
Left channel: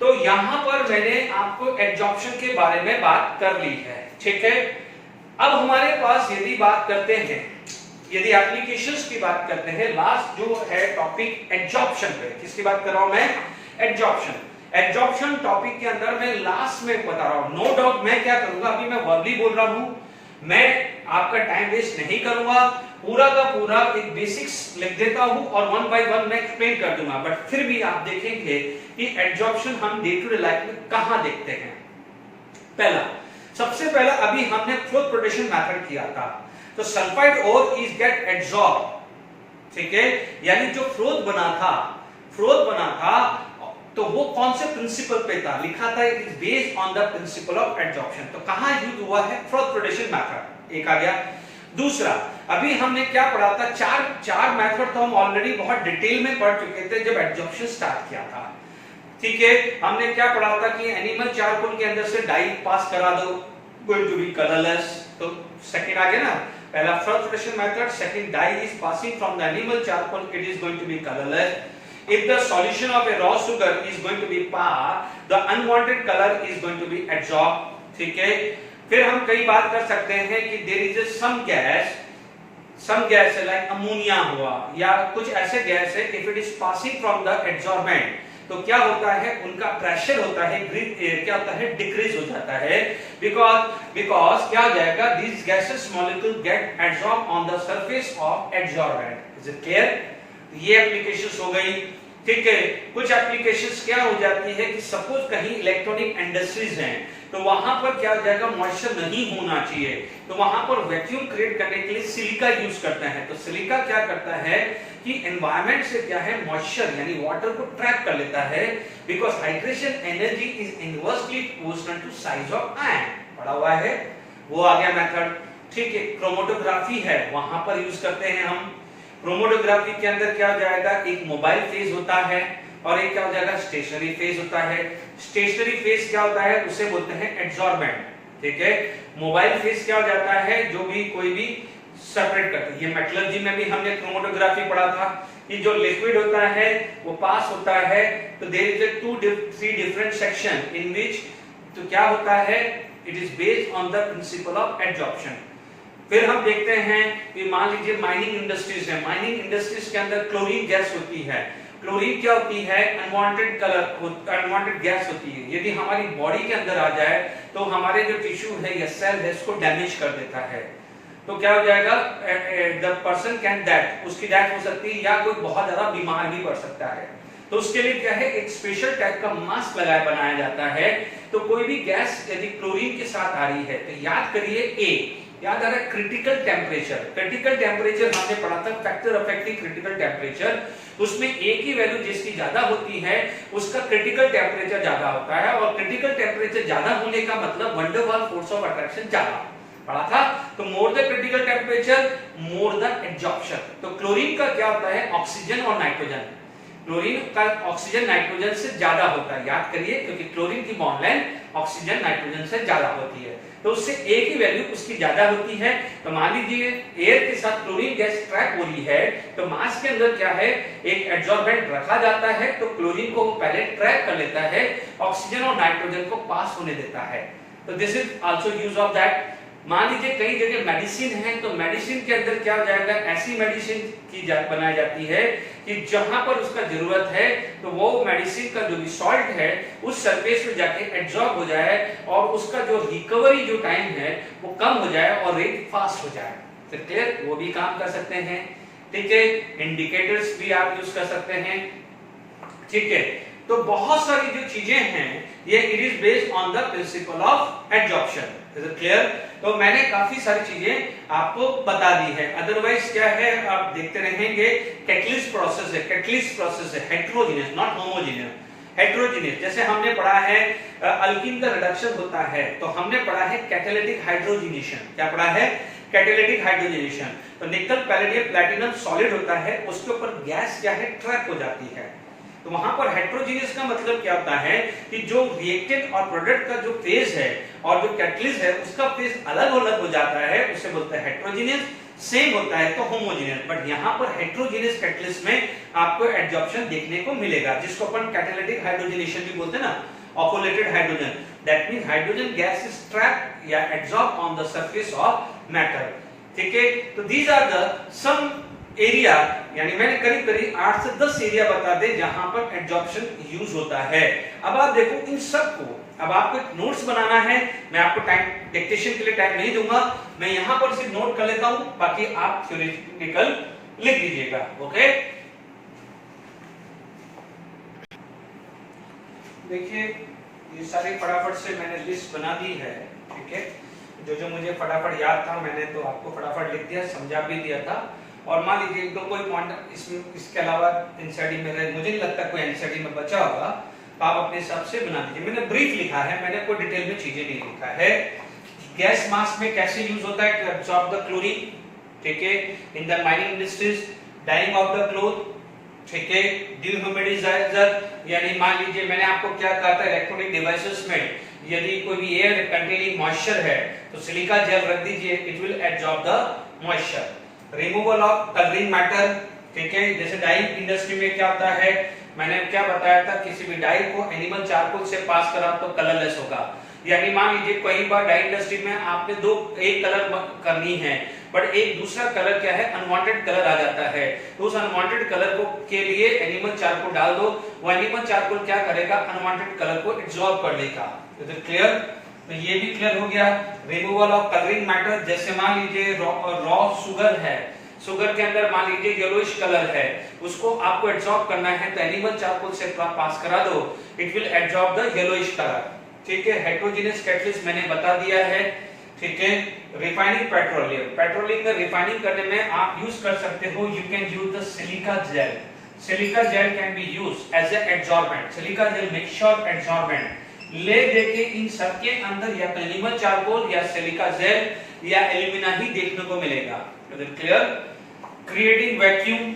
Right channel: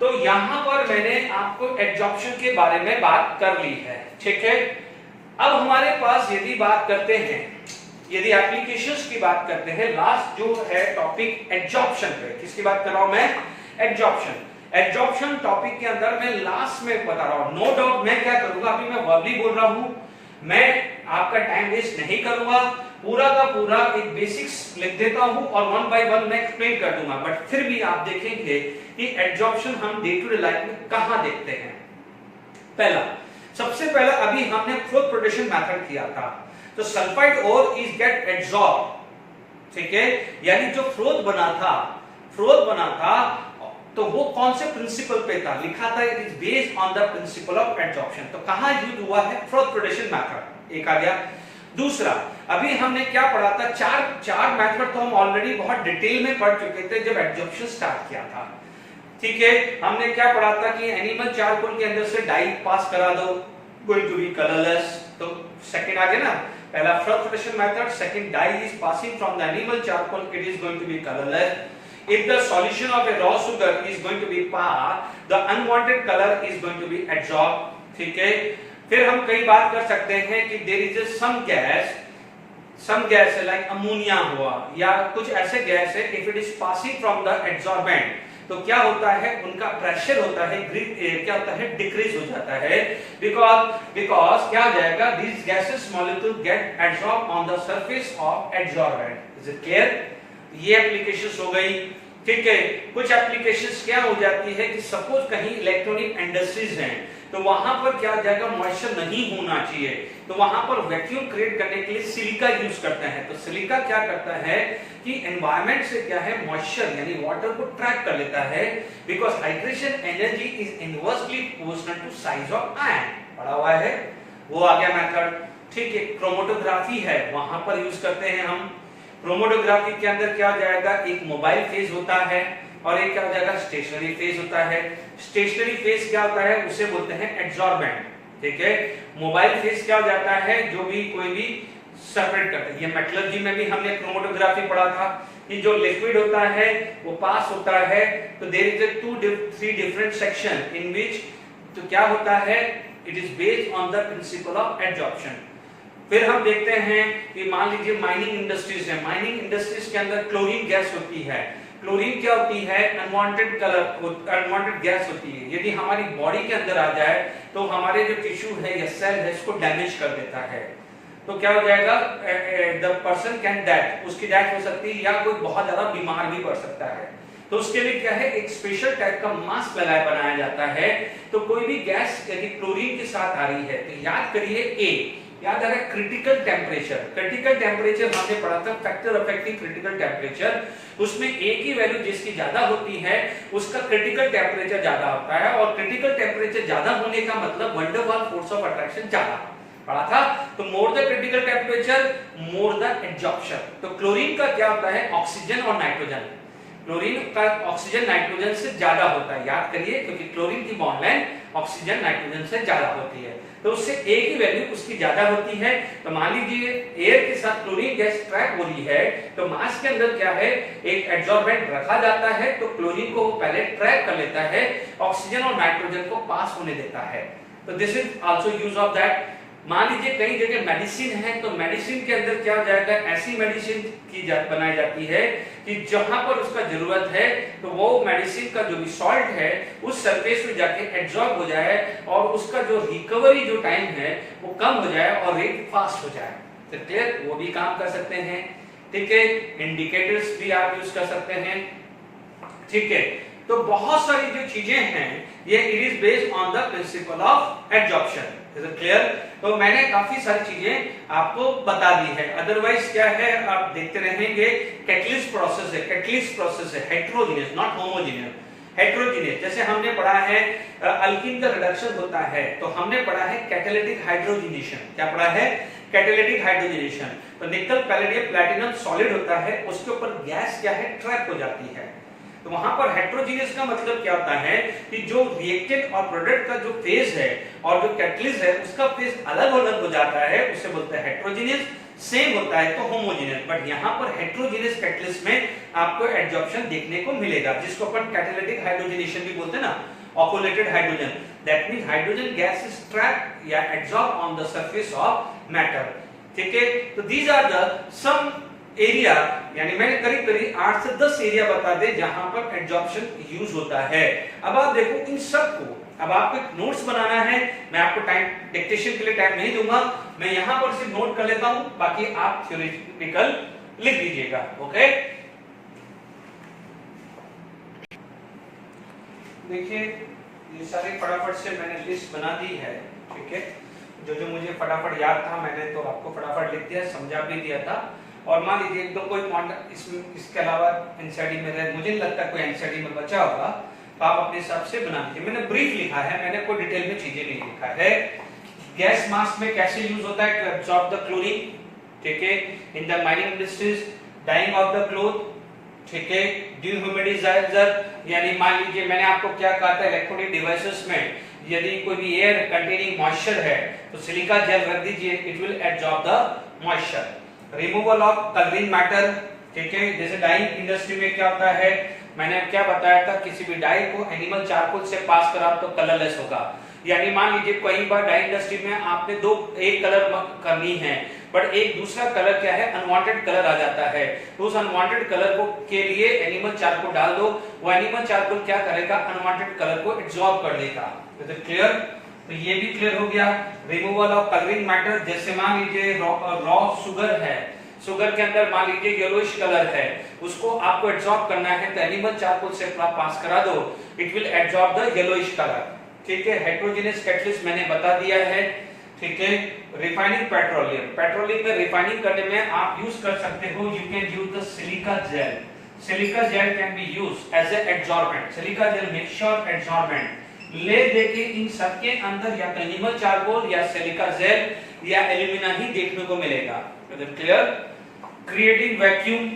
तो यहां पर मैंने आपको एडसॉर्प्शन के बारे में बात कर ली है। ठीक है, अब हमारे पास यदि बात करते हैं, यदि एप्लीकेशंस की बात करते हैं, लास्ट जो है टॉपिक एडसॉर्प्शन पे, किसकी बात कर रहा हूं मैं, एडसॉर्प्शन। एडसॉर्प्शन टॉपिक के अंदर मैं लास्ट में बता रहा हूं, नो डाउट मैं क्या करूंगा, अभी मैं वर्बली बोल रहा हूं, मैं आपका टाइम वेस्ट नहीं करूंगा, पूरा का पूरा एक बेसिक्स लिख देता हूं और वन बाय वन मैं एक्सप्लेन कर दूंगा। बट फिर भी आप देखेंगे कि एडसॉर्प्शन हम डे टू डे लाइफ में कहां देखते हैं। पहला, सबसे पहला अभी हमने फ्लोथ प्रोटेक्शन मेथड किया था, तो सल्फाइड ओर इज गेट एडसॉर्ब, ठीक है, यानी जो फ्लोथ बना था तो वो कौन से प्रिंसिपल पे था, लिखा था it is based on the principle of adsorption. तो कहां यूज हुआ है, फ्लोथ प्रोटेक्शन मेथड, एक आ गया। दूसरा, अभी हमने क्या पढ़ा था, चार मेथड तो हम ऑलरेडी बहुत डिटेल में पढ़ चुके थे जब एडसॉर्प्शन स्टार्ट किया था। ठीक है, हमने क्या पढ़ा था कि एनिमल चारकोल के अंदर से डाई पास करा दो, गोइंग टू बी कलरलेस। तो सेकंड आ गया ना, पहला froth protection method, second dye is passing from the animal charcoal, it is going to be colourless. If the solution of a raw sugar is going to be par, the unwanted color is going to be adsorbed. ठीक है, फिर हम कई बात कर सकते हैं कि there is a some gas है like अमोनिया हुआ या कुछ ऐसे गैस है, if it is passing from the adsorbent, तो क्या होता है, उनका प्रेशर होता है क्या होता है, डिक्रीज हो जाता है, because क्या हो जाएगा, these gases molecule get adsorbed on the surface of adsorbent. Is it clear? ये एप्लीकेशंस हो गई। ठीक है, कुछ एप्लीकेशंस क्या हो जाती है कि सपोज कहीं इलेक्ट्रॉनिक इंडस्ट्रीज हैं, तो वहां पर क्या हो जाएगा, मॉइस्चर नहीं होना चाहिए, तो वहां पर वैक्यूम क्रिएट करने के लिए सिलिका यूज करते हैं। तो सिलिका क्या करता है कि एनवायरनमेंट से क्या है, मॉइस्चर यानी वाटर को ट्रैप कर लेता है, because hydration energy is inversely proportional to size of ion. पढ़ा हुआ है, वो आ गया मेथड। ठीक है, क्रोमेटोग्राफी है, वहां पर यूज करते हैं हम। क्रोमेटोग्राफी के अंदर क्या हो जाएगा, एक मोबाइल फेज होता है और एक क्या हो जाएगा, स्टेशनरी फेज होता है। स्टेशनरी फेज क्या होता है, उसे बोलते हैं एडसॉर्बेंट। ठीक है, मोबाइल फेज क्या हो जाता है, जो भी कोई भी सेपरेट करता है। ये मेटलर्जी में भी हमने क्रोमेटोग्राफी पढ़ा था कि जो लिक्विड होता है वो पास होता है, तो there is a 2-3 different section in which, तो क्या होता है, it is based on the principle of adsorption. फिर हम देखते हैं कि मान लीजिए माइनिंग इंडस्ट्रीज है, माइनिंग इंडस्ट्रीज के अंदर क्लोरीन गैस होती है। क्लोरीन क्या होती है, अनवांटेड अनवांटेड गैस होती है। यदि हमारी बॉडी के अंदर आ जाए तो हमारे जो टिश्यू है या सेल है उसको डैमेज कर देता है, तो क्या हो जाएगा, द पर्सन कैन डेथ, उसकी डेथ हो सकती है या कोई बहुत ज्यादा बीमार भी पड़ सकता है। तो उसके लिए क्या है, एक स्पेशल टाइप का मास्क बनाया जाता है। तो कोई भी गैस यदि क्लोरीन के साथ आ रही है तो याद करिए, याद आ रहा है क्रिटिकल टेम्परेचर। क्रिटिकल टेम्परेचर हमने पढ़ा था, फैक्टर अफेक्टिंग क्रिटिकल टेम्परेचर, उसमें ए की वैल्यू जिसकी ज्यादा होती है उसका क्रिटिकल टेम्परेचर ज्यादा होता है, और क्रिटिकल टेम्परेचर ज्यादा होने का मतलब वंडर वाल फोर्स ऑफ अट्रैक्शन ज्यादा पढ़ा था। तो more the critical temperature more the absorption. तो क्लोरीन का क्या होता है, ऑक्सीजन और नाइट्रोजन, क्लोरीन का ऑक्सीजन नाइट्रोजन से ज्यादा होता है, याद करिए, क्योंकि क्लोरीन की बॉन्ड लेंथ ऑक्सीजन नाइट्रोजन से ज्यादा होती है, तो उससे ए की वैल्यू उसकी ज्यादा होती है। तो मान लीजिए एयर के साथ क्लोरीन गैस ट्रैप हो रही है, तो मास के अंदर क्या है, एक एड्सॉर्बेंट रखा जाता है, तो क्लोरीन को वो पहले ट्रैप कर लेता है, ऑक्सीजन और नाइट्रोजन को पास होने देता है। तो this is also use of that. मान लीजिए कई जगह मेडिसिन है, तो मेडिसिन के अंदर क्या हो जाएगा, ऐसी मेडिसिन बनाई जाती है कि जहां पर उसका जरूरत है तो वो मेडिसिन का जो भी सॉल्ट है उस सरफेस पे जाके एब्जॉर्ब हो जाए और उसका जो रिकवरी जो टाइम है वो कम हो जाए और रेट फास्ट हो जाए। तो क्लियर, वो भी काम कर सकते हैं। ठीक है, इंडिकेटर्स भी आप यूज कर सकते हैं। ठीक है, तो बहुत सारी जो चीजें हैं ये it is based on the principle of absorption. Is it clear? तो मैंने काफी सारी चीजें आपको बता दी है। अदरवाइज क्या है, आप देखते रहेंगे, कैटलिस्ट प्रोसेस है, कैटलिस्ट प्रोसेस है, हेट्रोजीनियस नॉट होमोजीनियस, हेट्रोजीनियस। जैसे हमने पढ़ा है अल्कीन का रिडक्शन होता है, तो हमने पढ़ा है कैटालिटिक हाइड्रोजनेशन। क्या पढ़ा है? Catalytic hydrogenation. तो निकल पैलेडियम प्लैटिनम सॉलिड होता है, उसके ऊपर गैस क्या है, ट्रैप हो जाती है। तो वहां पर हेट्रोजीनियस का मतलब क्या होता है कि जो रिएक्टेंट और प्रोडक्ट का जो फेज है और जो कैटलिस्ट है उसका फेज अलग अलग हो जाता है, उसे बोलते हैं हेट्रोजीनियस। सेम होता है तो होमोजीनियस, बट यहां पर हेट्रोजीनियस कैटलिस्ट में आपको एब्जॉर्प्शन देखने को मिलेगा, जिसको अपन कैटालिटिक हाइड्रोजनेशन भी बोलते हैं ना, occluded hydrogen. That means hydrogen gas is trapped या absorb on the surface of matter. ठीक है, तो these are the some area, यानी मैंने करीब करीब 8 से 10 एरिया बता दे जहां पर एब्जॉर्प्शन यूज होता है। अब आप देखो इन सब को, अब आपको एक नोट्स बनाना है, मैं आपको टाइम डिक्टेशन के लिए टाइम नहीं दूंगा, मैं यहां पर सिर्फ नोट कर लेता हूं, बाकी आप थ्योरेटिकल लिख लीजिएगा। ओके, देखिए ये सारे फटाफट से मैंने लिस्ट बना दी है। ठीक है, जो जो मुझे फटाफट याद था मैंने तो आपको फटाफट लिख दिया, समझा भी दिया था। और मान लीजिए एकदम कोई पॉइंट इसमें इसके अलावा एनसीईआरटी में मुझे नहीं लगता कोई एनसीईआरटी में बचा होगा, तो आप अपने हिसाब से बना दीजिए। मैंने ब्रीफ लिखा है, मैंने कोई डिटेल में चीजें नहीं लिखा है। गैस मास्क में कैसे यूज होता है, टू एब्जॉर्ब द क्लोरीन। ठीक है, in the mining industries, dyeing of the cloth. ठीक है, डिह्यूमिडिफायर, यानी मान लीजिए मैंने आपको क्या कहा था, इलेक्ट्रॉनिक डिवाइसेस में यदि कोई भी एयर कंटेनिंग मॉइस्चर है तो सिलिका जेल रख दीजिए, it will absorb the moisture. Removal of colouring matter. ठीक है, जैसे डाइंग इंडस्ट्री में क्या होता है, मैंने क्या बताया था, किसी भी डाई को एनिमल चारकोल से पास करा तो कलरलेस होगा। यानी मान लीजिए कई बार डाई इंडस्ट्री में आपने एक कलर करनी है, बट एक दूसरा कलर क्या है, अनवांटेड कलर आ जाता है, तो उस अनवांटेड कलर को के लिए एनिमल चारकोल डाल दो, वो एनिमल चारकोल क्या करेगा, अनवांटेड कलर को एब्जॉर्ब कर लेगा। Is it clear? तो ये भी क्लियर हो गया। रिमूवल ऑफ कलरिंग मैटर, जैसे मान लीजिए रॉ शुगर है, शुगर के अंदर मान लीजिए येलोइश कलर है, उसको आपको एब्जॉर्ब करना है तो एनिमल चारकोल से पास करा दो, it will absorb the yellowish colour. ठीक है, हेट्रोजीनियस कैटलिस्ट मैंने बता दिया है। ठीक है, रिफाइनिंग पेट्रोलियम, पेट्रोलियम में रिफाइनिंग करने में आप यूज कर सकते हो, you can use the silica gel. Silica gel can be used as a absorbent, silica gel mixture absorbent. ले देके इन सबके अंदर या तो एनिमल चारकोल या सिलिका जेल या एल्यूमिना ही देखने को मिलेगा। क्लियर? Creating vacuum.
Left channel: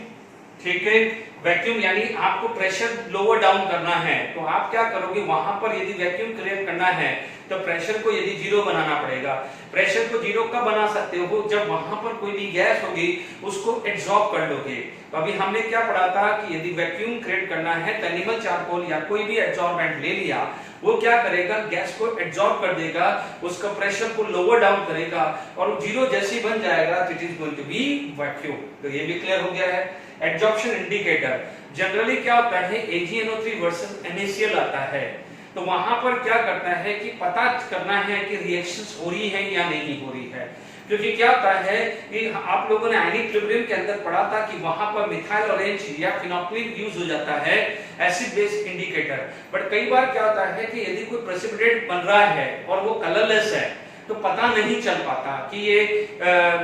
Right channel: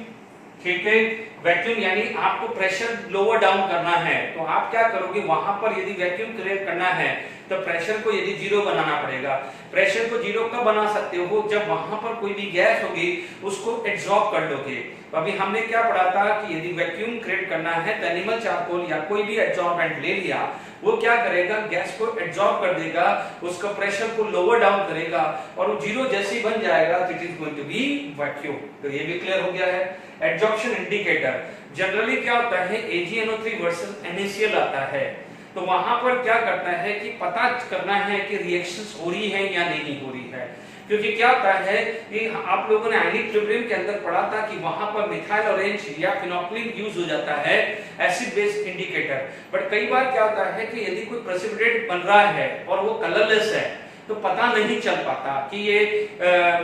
ठीक है, वैक्यूम यानी आपको प्रेशर लोअर डाउन करना है, तो आप क्या करोगे, वहां पर यदि वैक्यूम क्रिएट करना है तो प्रेशर को यदि जीरो बनाना पड़ेगा। प्रेशर को जीरो कब बना सकते हो, जब वहां पर कोई भी गैस होगी उसको एब्जॉर्ब कर लोगे। तो अभी हमने क्या पढ़ा था कि यदि वैक्यूम क्रिएट करना है तो एनिमल चारकोल या कोई भी एब्जॉर्बेंट ले लिया, वो क्या करेगा, गैस को एब्जॉर्ब कर देगा, उसका प्रेशर को लोअर डाउन करेगा और वो जीरो जैसी बन जाएगा तो it is going to be vacuum. तो ये भी क्लियर हो गया है। एब्जॉर्प्शन इंडिकेटर, जनरली क्या होता है, AgNO3 वर्सेस NaCl आता है, तो वहां पर क्या करता है कि पता करना है कि रिएक्शंस हो रही है या नहीं हो रही है। क्योंकि क्या होता है कि आप लोगों ने आयनिक इक्विलिब्रियम के अंदर पढ़ा था कि वहां पर मिथाइल ऑरेंज या फिनोक्सिल यूज हो जाता है एसिड बेस इंडिकेटर। बट कई बार क्या होता है कि यदि कोई प्रेसिपिटेट बन रहा है और वो कलरलेस है, तो पता नहीं चल पाता कि ये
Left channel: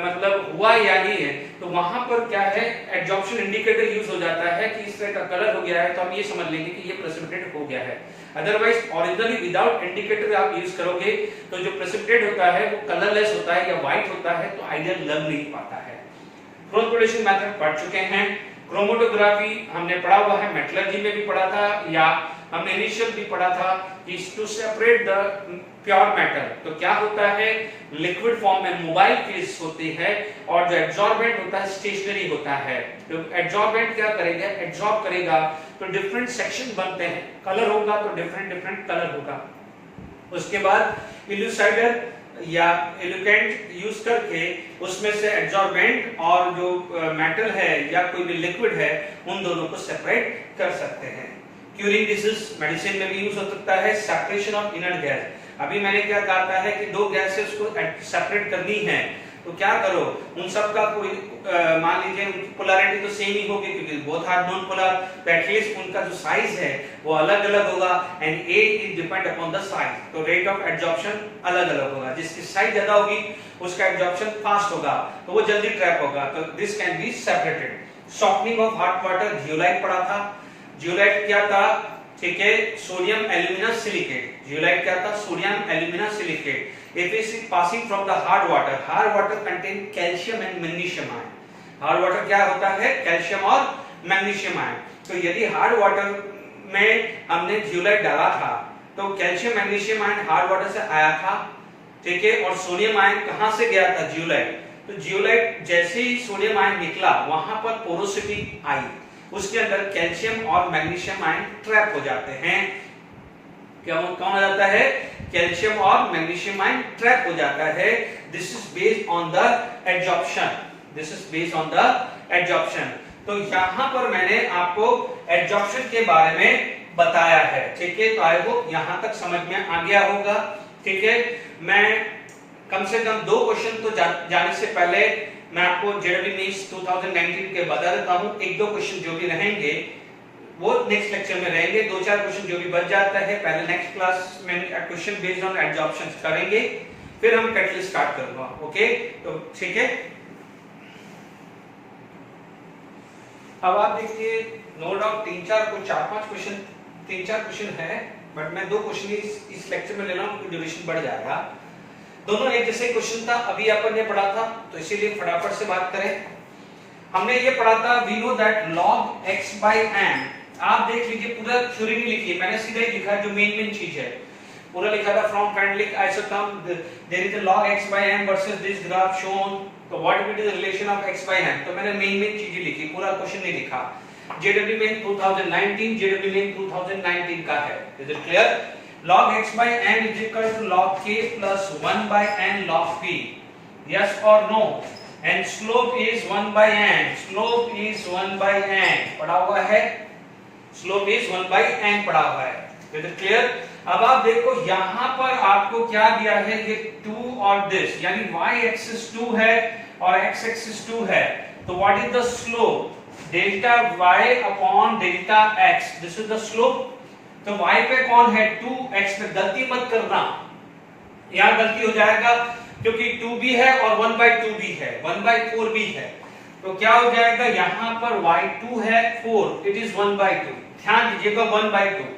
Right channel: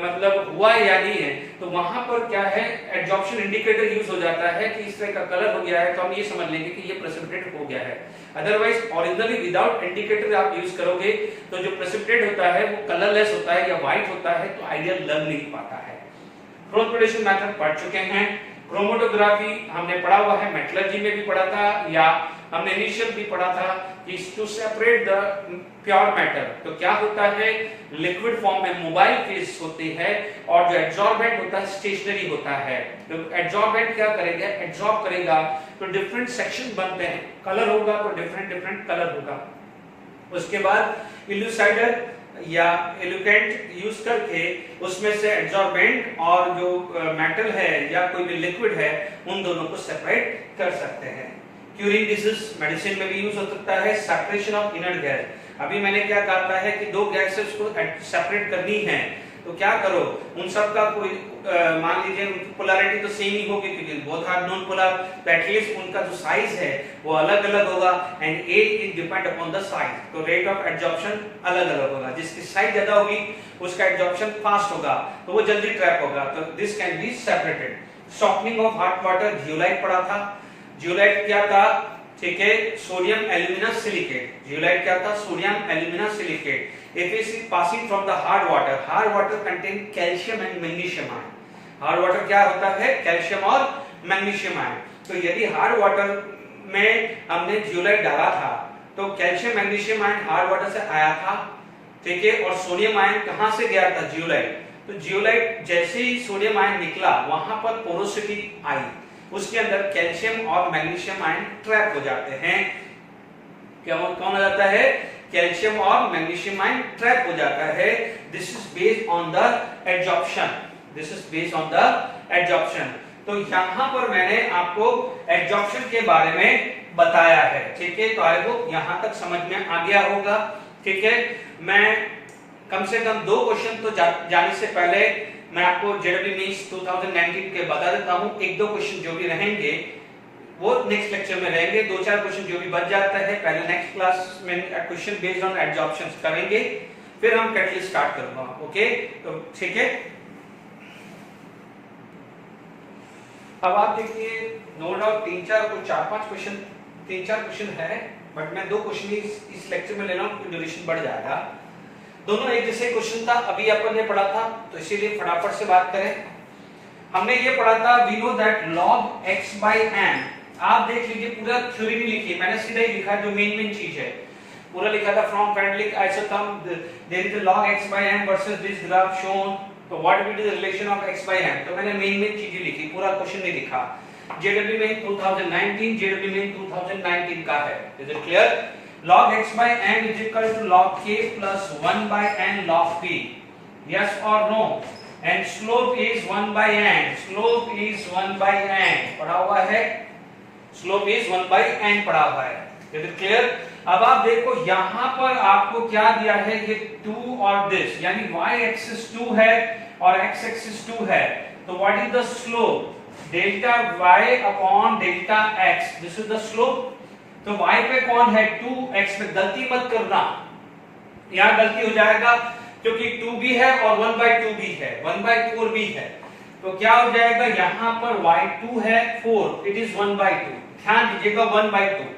मतलब हुआ या नहीं है, तो वहां पर क्या है एडजॉर्प्शन इंडिकेटर यूज हो जाता है कि इस तरह का कलर हो गया है तो हम ये समझ लेंगे कि ये प्रेसिपिटेट हो गया है। अदरवाइज ओरिजिनली विदाउट इंडिकेटर आप यूज करोगे तो जो प्रेसिपिटेट होता है वो कलरलेस होता है या व्हाइट होता है, तो आइडिया लग नहीं पाता है। क्रोमोटोलेशन मेथड पढ़ चुके हैं। क्रोमेटोग्राफी हमने पढ़ा हुआ है, मेटलर्जी में भी पढ़ा था, या हमने इनिशियल भी पढ़ा था कि to separate the pure matter, तो क्या होता है लिक्विड फॉर्म में मोबाइल फेज होती है और जो एब्जॉर्बेंट होता है स्टेशनरी होता है। तो एब्जॉर्बेंट क्या करेगा, एब्जॉर्ब करेगा तो डिफरेंट सेक्शन बनते हैं, कलर होगा तो डिफरेंट डिफरेंट कलर होगा। उसके बाद इल्यूसाइडर या इल्यूकेंट यूज करके उसमें से एब्जॉर्बेंट और जो मेटल है या कोई भी लिक्विड है उन दोनों को सेपरेट कर सकते हैं। क्यूरिंग डिसीज मेडिसिन में भी यूज हो सकता है। सेपरेशन ऑफ इनर्ट गैस, अभी मैंने क्या कहा है कि दो गैसेस को सेपरेट करनी है, तो क्या करो उन सब का कोई मान लीजिए पोलैरिटी तो सेम ही होगी क्योंकि बोथ आर नॉन पोलर, तो एटलीस्ट उनका जो साइज है वो अलग अलग होगा and A is depend upon the size, तो रेट ऑफ एब्जॉर्प्शन अलग अलग होगा। जिसकी साइज ज्यादा होगी उसका एब्जॉर्प्शन फास्ट होगा तो वो जल्दी ट्रैप होगा, तो this can be separated. Softening of hot water, zeolite पढ़ा था। जियोलाइट क्या था, ठीक है, सोडियम एल्यूमिना सिलिकेट। जियोलाइट क्या था, sodium alumina silicate. If it is passing from the hard water contain calcium and magnesium ion. Hard water क्या होता है, कैल्शियम और मैग्नीशियम आयन। तो यदि हार्ड वाटर में हमने जियोलाइट डाला था तो calcium magnesium ion hard water से आया था, ठीक है, और सोडियम आयन कहां से गया था, जियोलाइट। तो जियोलाइट जैसे ही सोडियम आयन निकला वहां पर पोरोसिटी आई, उसके अंदर कैल्शियम और मैग्नीशियम आयन ट्रैप हो जाते हैं। क्या कौन हो जाता है, कैल्शियम और मैग्नीशियम आयन ट्रैप हो जाता है। This is based on the absorption, this is based on the absorption. तो यहां पर मैंने आपको एब्जॉर्प्शन के बारे में बताया है, ठीक है, तो आई होप यहां तक समझ में आ गया होगा, ठीक है। मैं कम से कम 2 क्वेश्चन तो जाने से पहले मैं आपको जेडब्ल्यू मींस 2019 के बता देता हूं। 1-2 क्वेश्चन जो भी रहेंगे वो नेक्स्ट लेक्चर में रहेंगे। 2-4 क्वेश्चन जो भी बच जाता है पहले नेक्स्ट क्लास में क्वेश्चन बेस्ड ऑन एब्जॉर्प्शन करेंगे, फिर हम कैटलिस्ट स्टार्ट करूंगा, ओके, तो ठीक है। अब आप देखिए, नो डाउट 4-5 क्वेश्चन 3-4 क्वेश्चन है, बट मैं 2 क्वेश्चन इस लेक्चर में ले रहा हूं, ड्यूरेशन बढ़ जाएगा। दोनों एक जैसे क्वेश्चन था, अभी अपन ने पढ़ा था, तो इसीलिए फटाफट से बात करें। हमने ये पढ़ा था we know that log x by m। आप देख लीजिए, पूरा थ्योरी नहीं लिखी, मैंने सीधा ही लिखा है जो मेन चीज है, पूरा लिखा था from Freundlich isotherm there is a log x by m versus this graph shown, तो what will be the relation of x by m, तो मैंने मेन चीजें लिखी, पूरा क्वेश्चन नहीं लिखा। जेडब्ल्यू मेन 2019, जेडब्ल्यू मेन 2019 का है, is it clear. log x by m is equal to log k plus 1 by n log p, yes or no, and slope is 1 by n, slope is 1 by n पढ़ा हुआ है, slope is 1 by n पढ़ा हुआ है, इज इट क्लियर। अब आप देखो यहां पर आपको क्या दिया है, ये 2 और दिस, यानी y एक्सिस 2 है और x एक्सिस 2 है, तो what is the slope, delta y upon delta x, this is the slope. तो y पे कौन है, 2, x पे गलती मत करना, यहां गलती हो जाएगा क्योंकि 2 भी है और 1/2 भी है, 1/4 भी है, तो क्या हो जाएगा, यहां पर y2 है 4, इट इज 1/2, ध्यान दीजिएगा 1/2,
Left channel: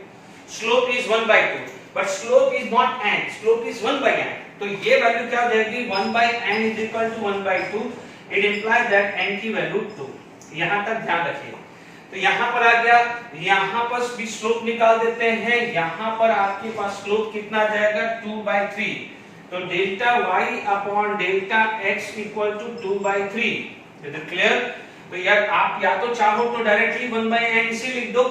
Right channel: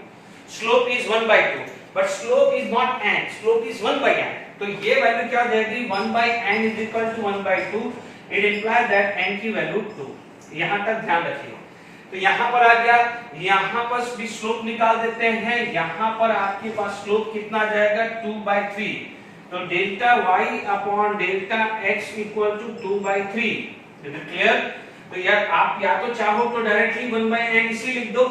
slope is 1/2, but slope is not n, slope is 1/n, तो ये वैल्यू क्या हो जाएगी, 1/n is equal to 1/2, it implies that n की वैल्यू 2, यहां तक ध्यान रखिए। तो यहां पर आ गया, यहां पर भी स्लोप निकाल देते हैं, यहां पर आपके पास स्लोप कितना आ जाएगा, 2/3, तो delta y upon delta x equal to 2/3, is it clear. तो यार आप या तो चाहो तो डायरेक्टली 1/n से लिख दो,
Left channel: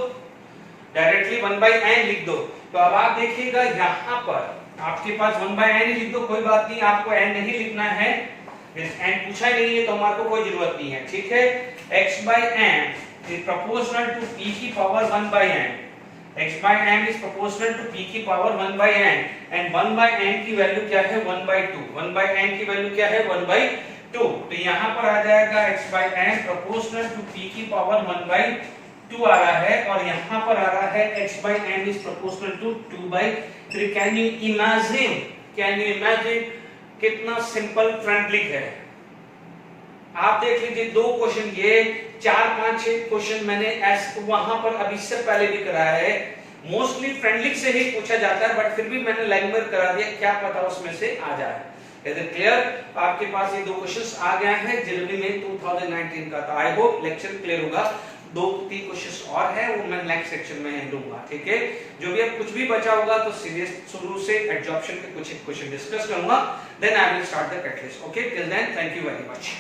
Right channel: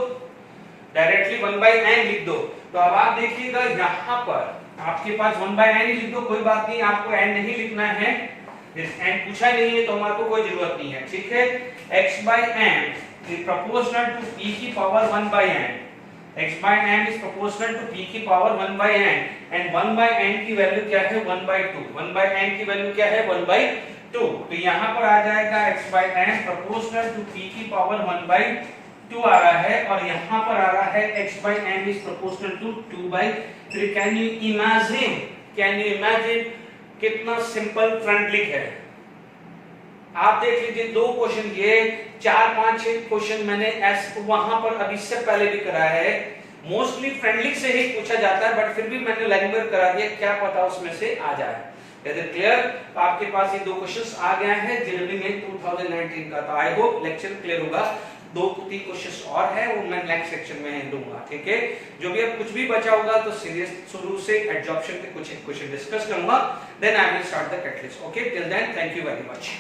डायरेक्टली 1/n लिख दो। तो अब आप देखिएगा यहां पर आपके पास 1/n लिख दो, कोई बात नहीं, आपको n नहीं लिखना है, n पूछा ही नहीं है तो हमारे को कोई जरूरत नहीं है, ठीक है। x/n is proportional to p की power 1/n, x/n is proportional to p की पावर 1/n, and 1/n की वैल्यू क्या है, 1/2, 1/n की वैल्यू क्या है, 1/2, तो यहाँ पर आ जाएगा x/n proportional to p की पावर 1/2 आ रहा है, और यहाँ पर आ रहा है x/n is proportional to 2/3। Can you imagine कितना सिंपल फ्रंट लिंक है। आप देख लीजिए 2 क्वेश्चन, ये 4 5 6 क्वेश्चन मैंने वहां पर अब इससे पहले भी कराया है। मोस्टली फ्रंट लिंक से ही पूछा जाता है, बट फिर भी मैंने लाइन में करा दिया, क्या पता उसमें से आ जाए। Is it clear? आपके पास ये 2 क्वेश्चंस आ गए हैं जनवरी में 2019 का। तो आई होप लेक्चर क्लियर होगा। 2-3 क्वेश्चंस और है, वो मैं नेक्स्ट सेक्शन में दूंगा, ठीक है। जो भी अब कुछ भी बचा होगा तो सीरियस शुरू से एडजॉर्प्शन के कुछ क्वेश्चन डिस्कस करूंगा, then I will start the catalyst. Okay, till then thank you very much.